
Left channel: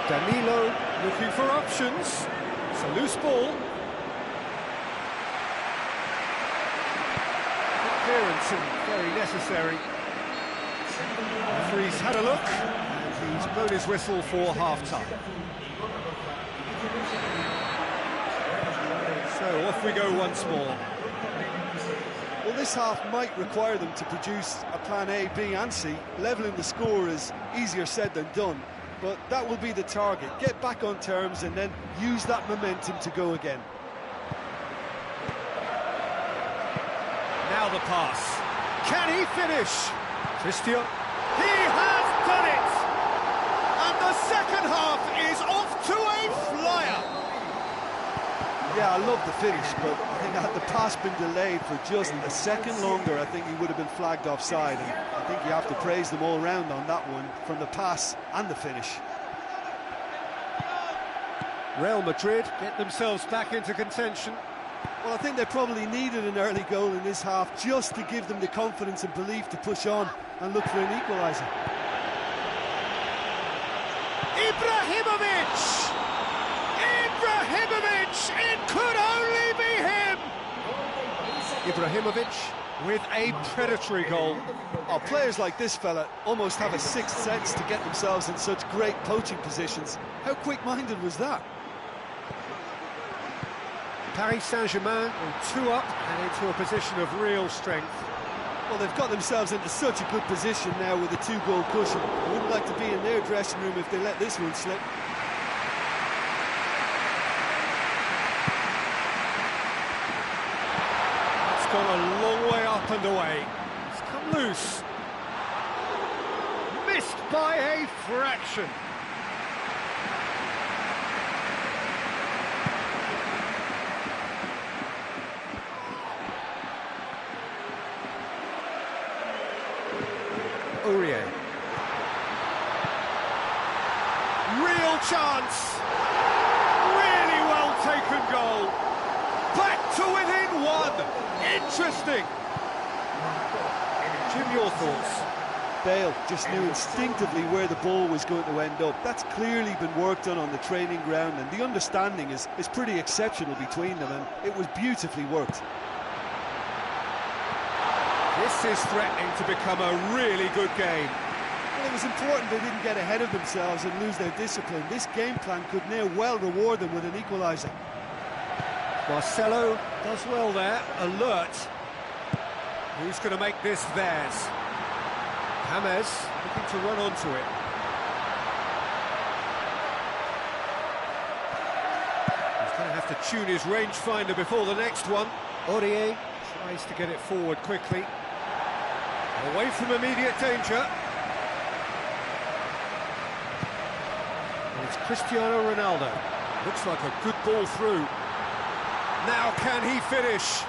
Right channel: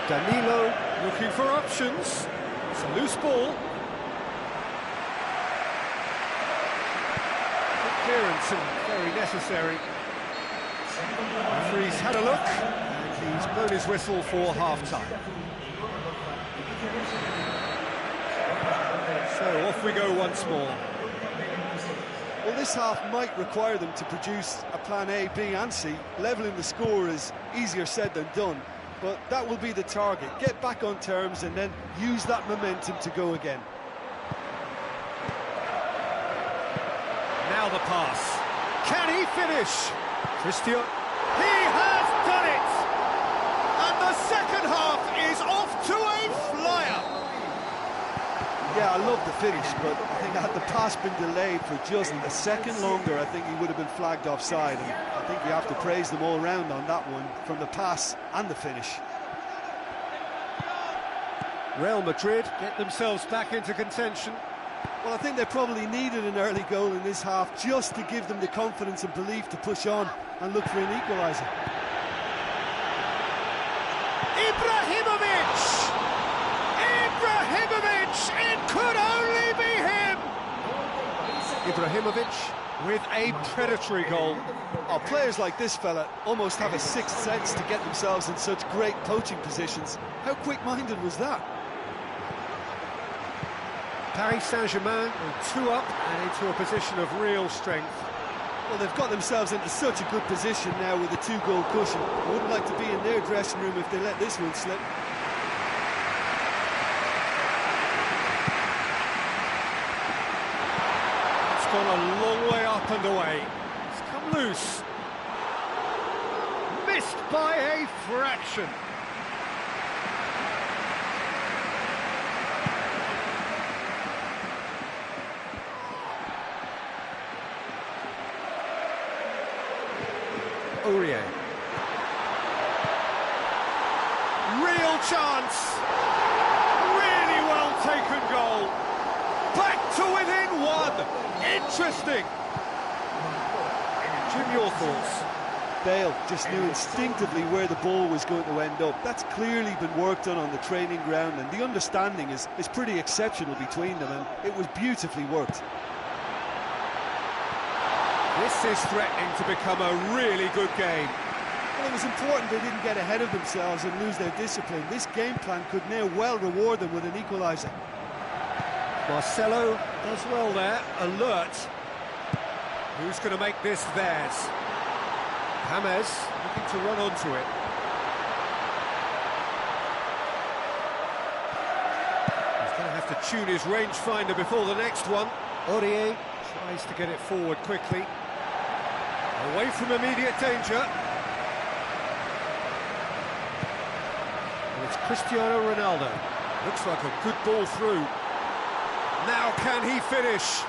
Danilo looking for options. It's a loose ball. Good clearance and very necessary. Referee's had a look. He's blown his whistle for half-time. So off we go once more. Well, this half might require them to produce a plan A, B and C. Levelling the score is easier said than done, but that will be the target. Get back on terms and then use that momentum to go again. Now the pass. Can he finish? Christian. He has done it! And the second half is off to a flyer. Yeah, I love the finish, but I think had the pass been delayed for just a second longer, I think he would have been flagged offside. And I think you have to praise them all round on that one, from the pass and the finish. Real Madrid get themselves back into contention. Well, I think they probably needed an early goal in this half just to give them the confidence and belief to push on and look for an equaliser. Ibrahimovic! Ibrahimovic! It could only be him! Ibrahimovic with a predatory goal. Oh, players like this fella almost have a sixth sense to get themselves in such great poaching positions. How quick-minded was that? Paris Saint-Germain go 2 up and into a position of real strength. Well, they've got themselves into such a good position now with a 2-goal cushion. I wouldn't like to be in their dressing room if they let this one slip. It's gone a long way up and away. It's come loose. Missed by a fraction. Aurier. Real chance. Really well taken goal. Back to within 1. Interesting. Jim, your thoughts? Bale just knew instinctively where the ball was going to end up. That's clearly been worked on the training ground, and the understanding is pretty exceptional between them, and it was beautifully worked. This is threatening to become a really good game. Well, it was important they didn't get ahead of themselves and lose their discipline. This game plan could now well reward them with an equaliser. Marcelo does well there, alert. Who's going to make this theirs? James looking to run onto it. He's going to have to tune his rangefinder before the next one. Aurier tries to get it forward quickly. Away from immediate danger. And it's Cristiano Ronaldo. Looks like a good ball through. Now can he finish?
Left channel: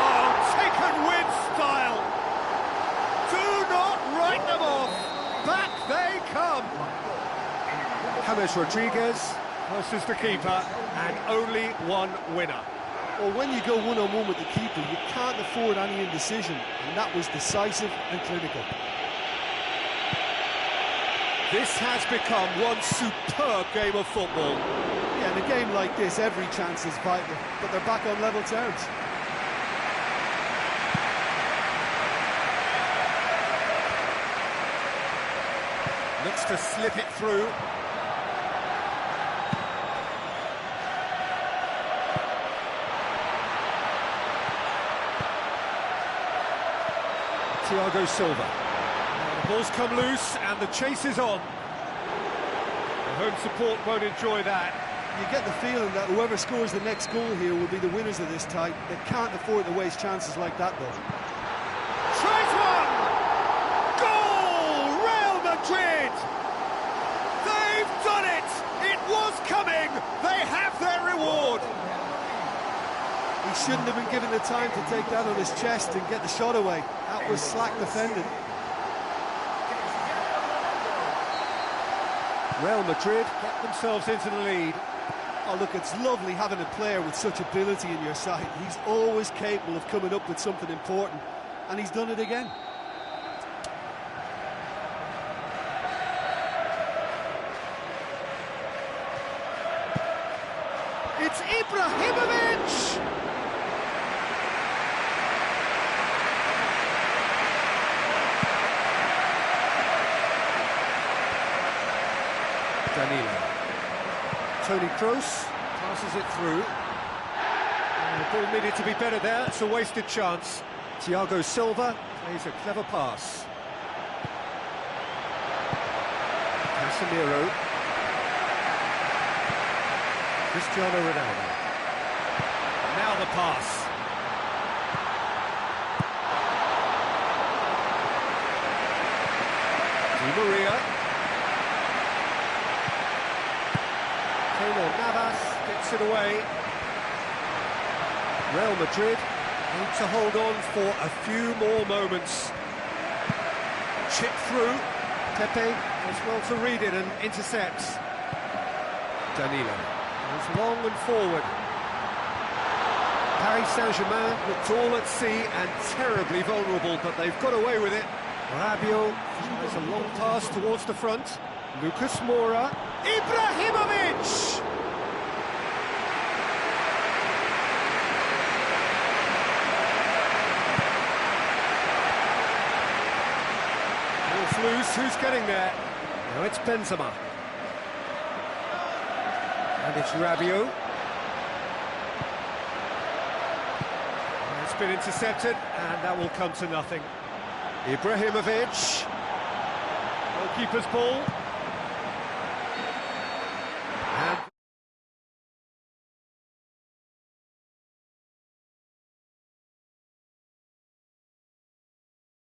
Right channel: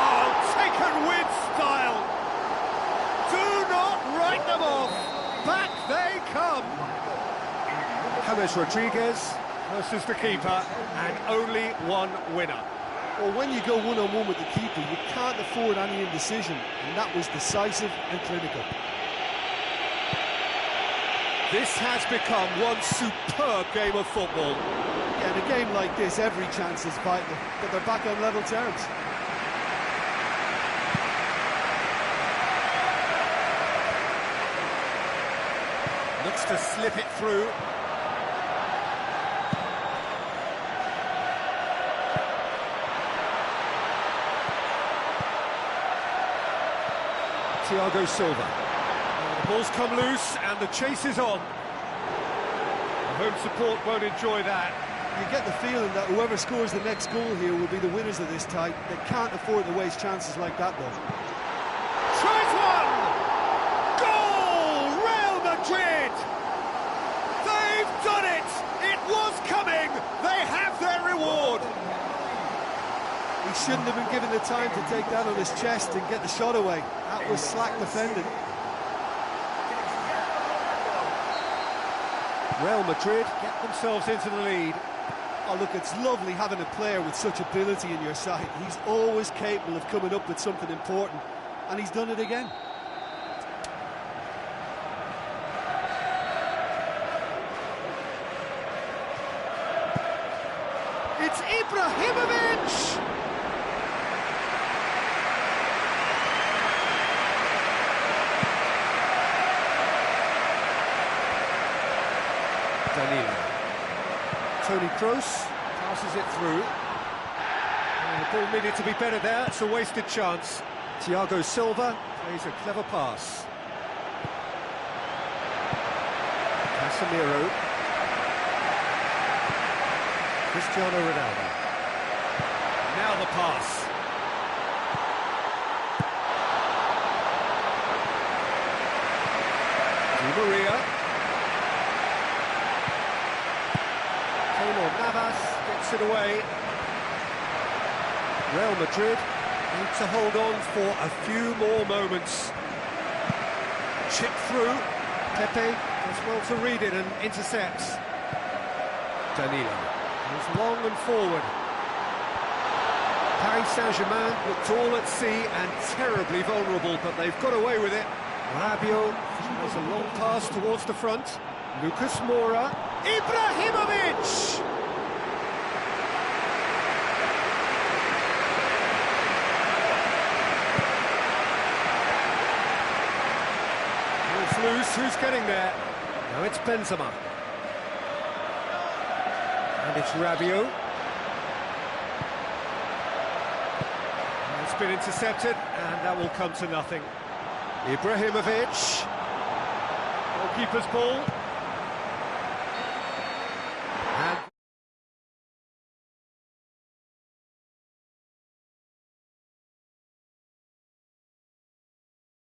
Oh, taken with style. Do not write them off. Back they come. James Rodriguez versus the keeper, and only one winner. Well, when you go one-on-one with the keeper, you can't afford any indecision, and that was decisive and clinical. This has become one superb game of football. Yeah, in a game like this, every chance is vital, but they're back on level terms. Looks to slip it through. Thiago Silva. Now the ball's come loose and the chase is on. The home support won't enjoy that. You get the feeling that whoever scores the next goal here will be the winners of this tie. They can't afford to waste chances like that, though. Tries one! Goal! Real Madrid! They've done it! It was coming! They have their reward! He shouldn't have been given the time to take that on his chest and get the shot away. That was slack defending. Real Madrid get themselves into the lead. Oh, look, it's lovely having a player with such ability in your side. He's always capable of coming up with something important, and he's done it again. It's Ibrahimovic! Danilo. Toni Kroos passes it through. The ball needed to be better there, it's a wasted chance. Thiago Silva plays a clever pass. Casemiro. Cristiano Ronaldo. Now the pass. Di Maria. Keylor Navas gets it away. Real Madrid need to hold on for a few more moments. Chip through. Pepe does well to read it and intercepts. Danilo goes long and forward. Paris Saint-Germain looked all at sea and terribly vulnerable, but they've got away with it. Rabiot tries a long pass towards the front. Lucas Moura. Ibrahimovic! who's getting there. Now it's Benzema. And it's Rabiot. It's been intercepted, and that will come to nothing. Ibrahimovic. Goalkeeper's ball.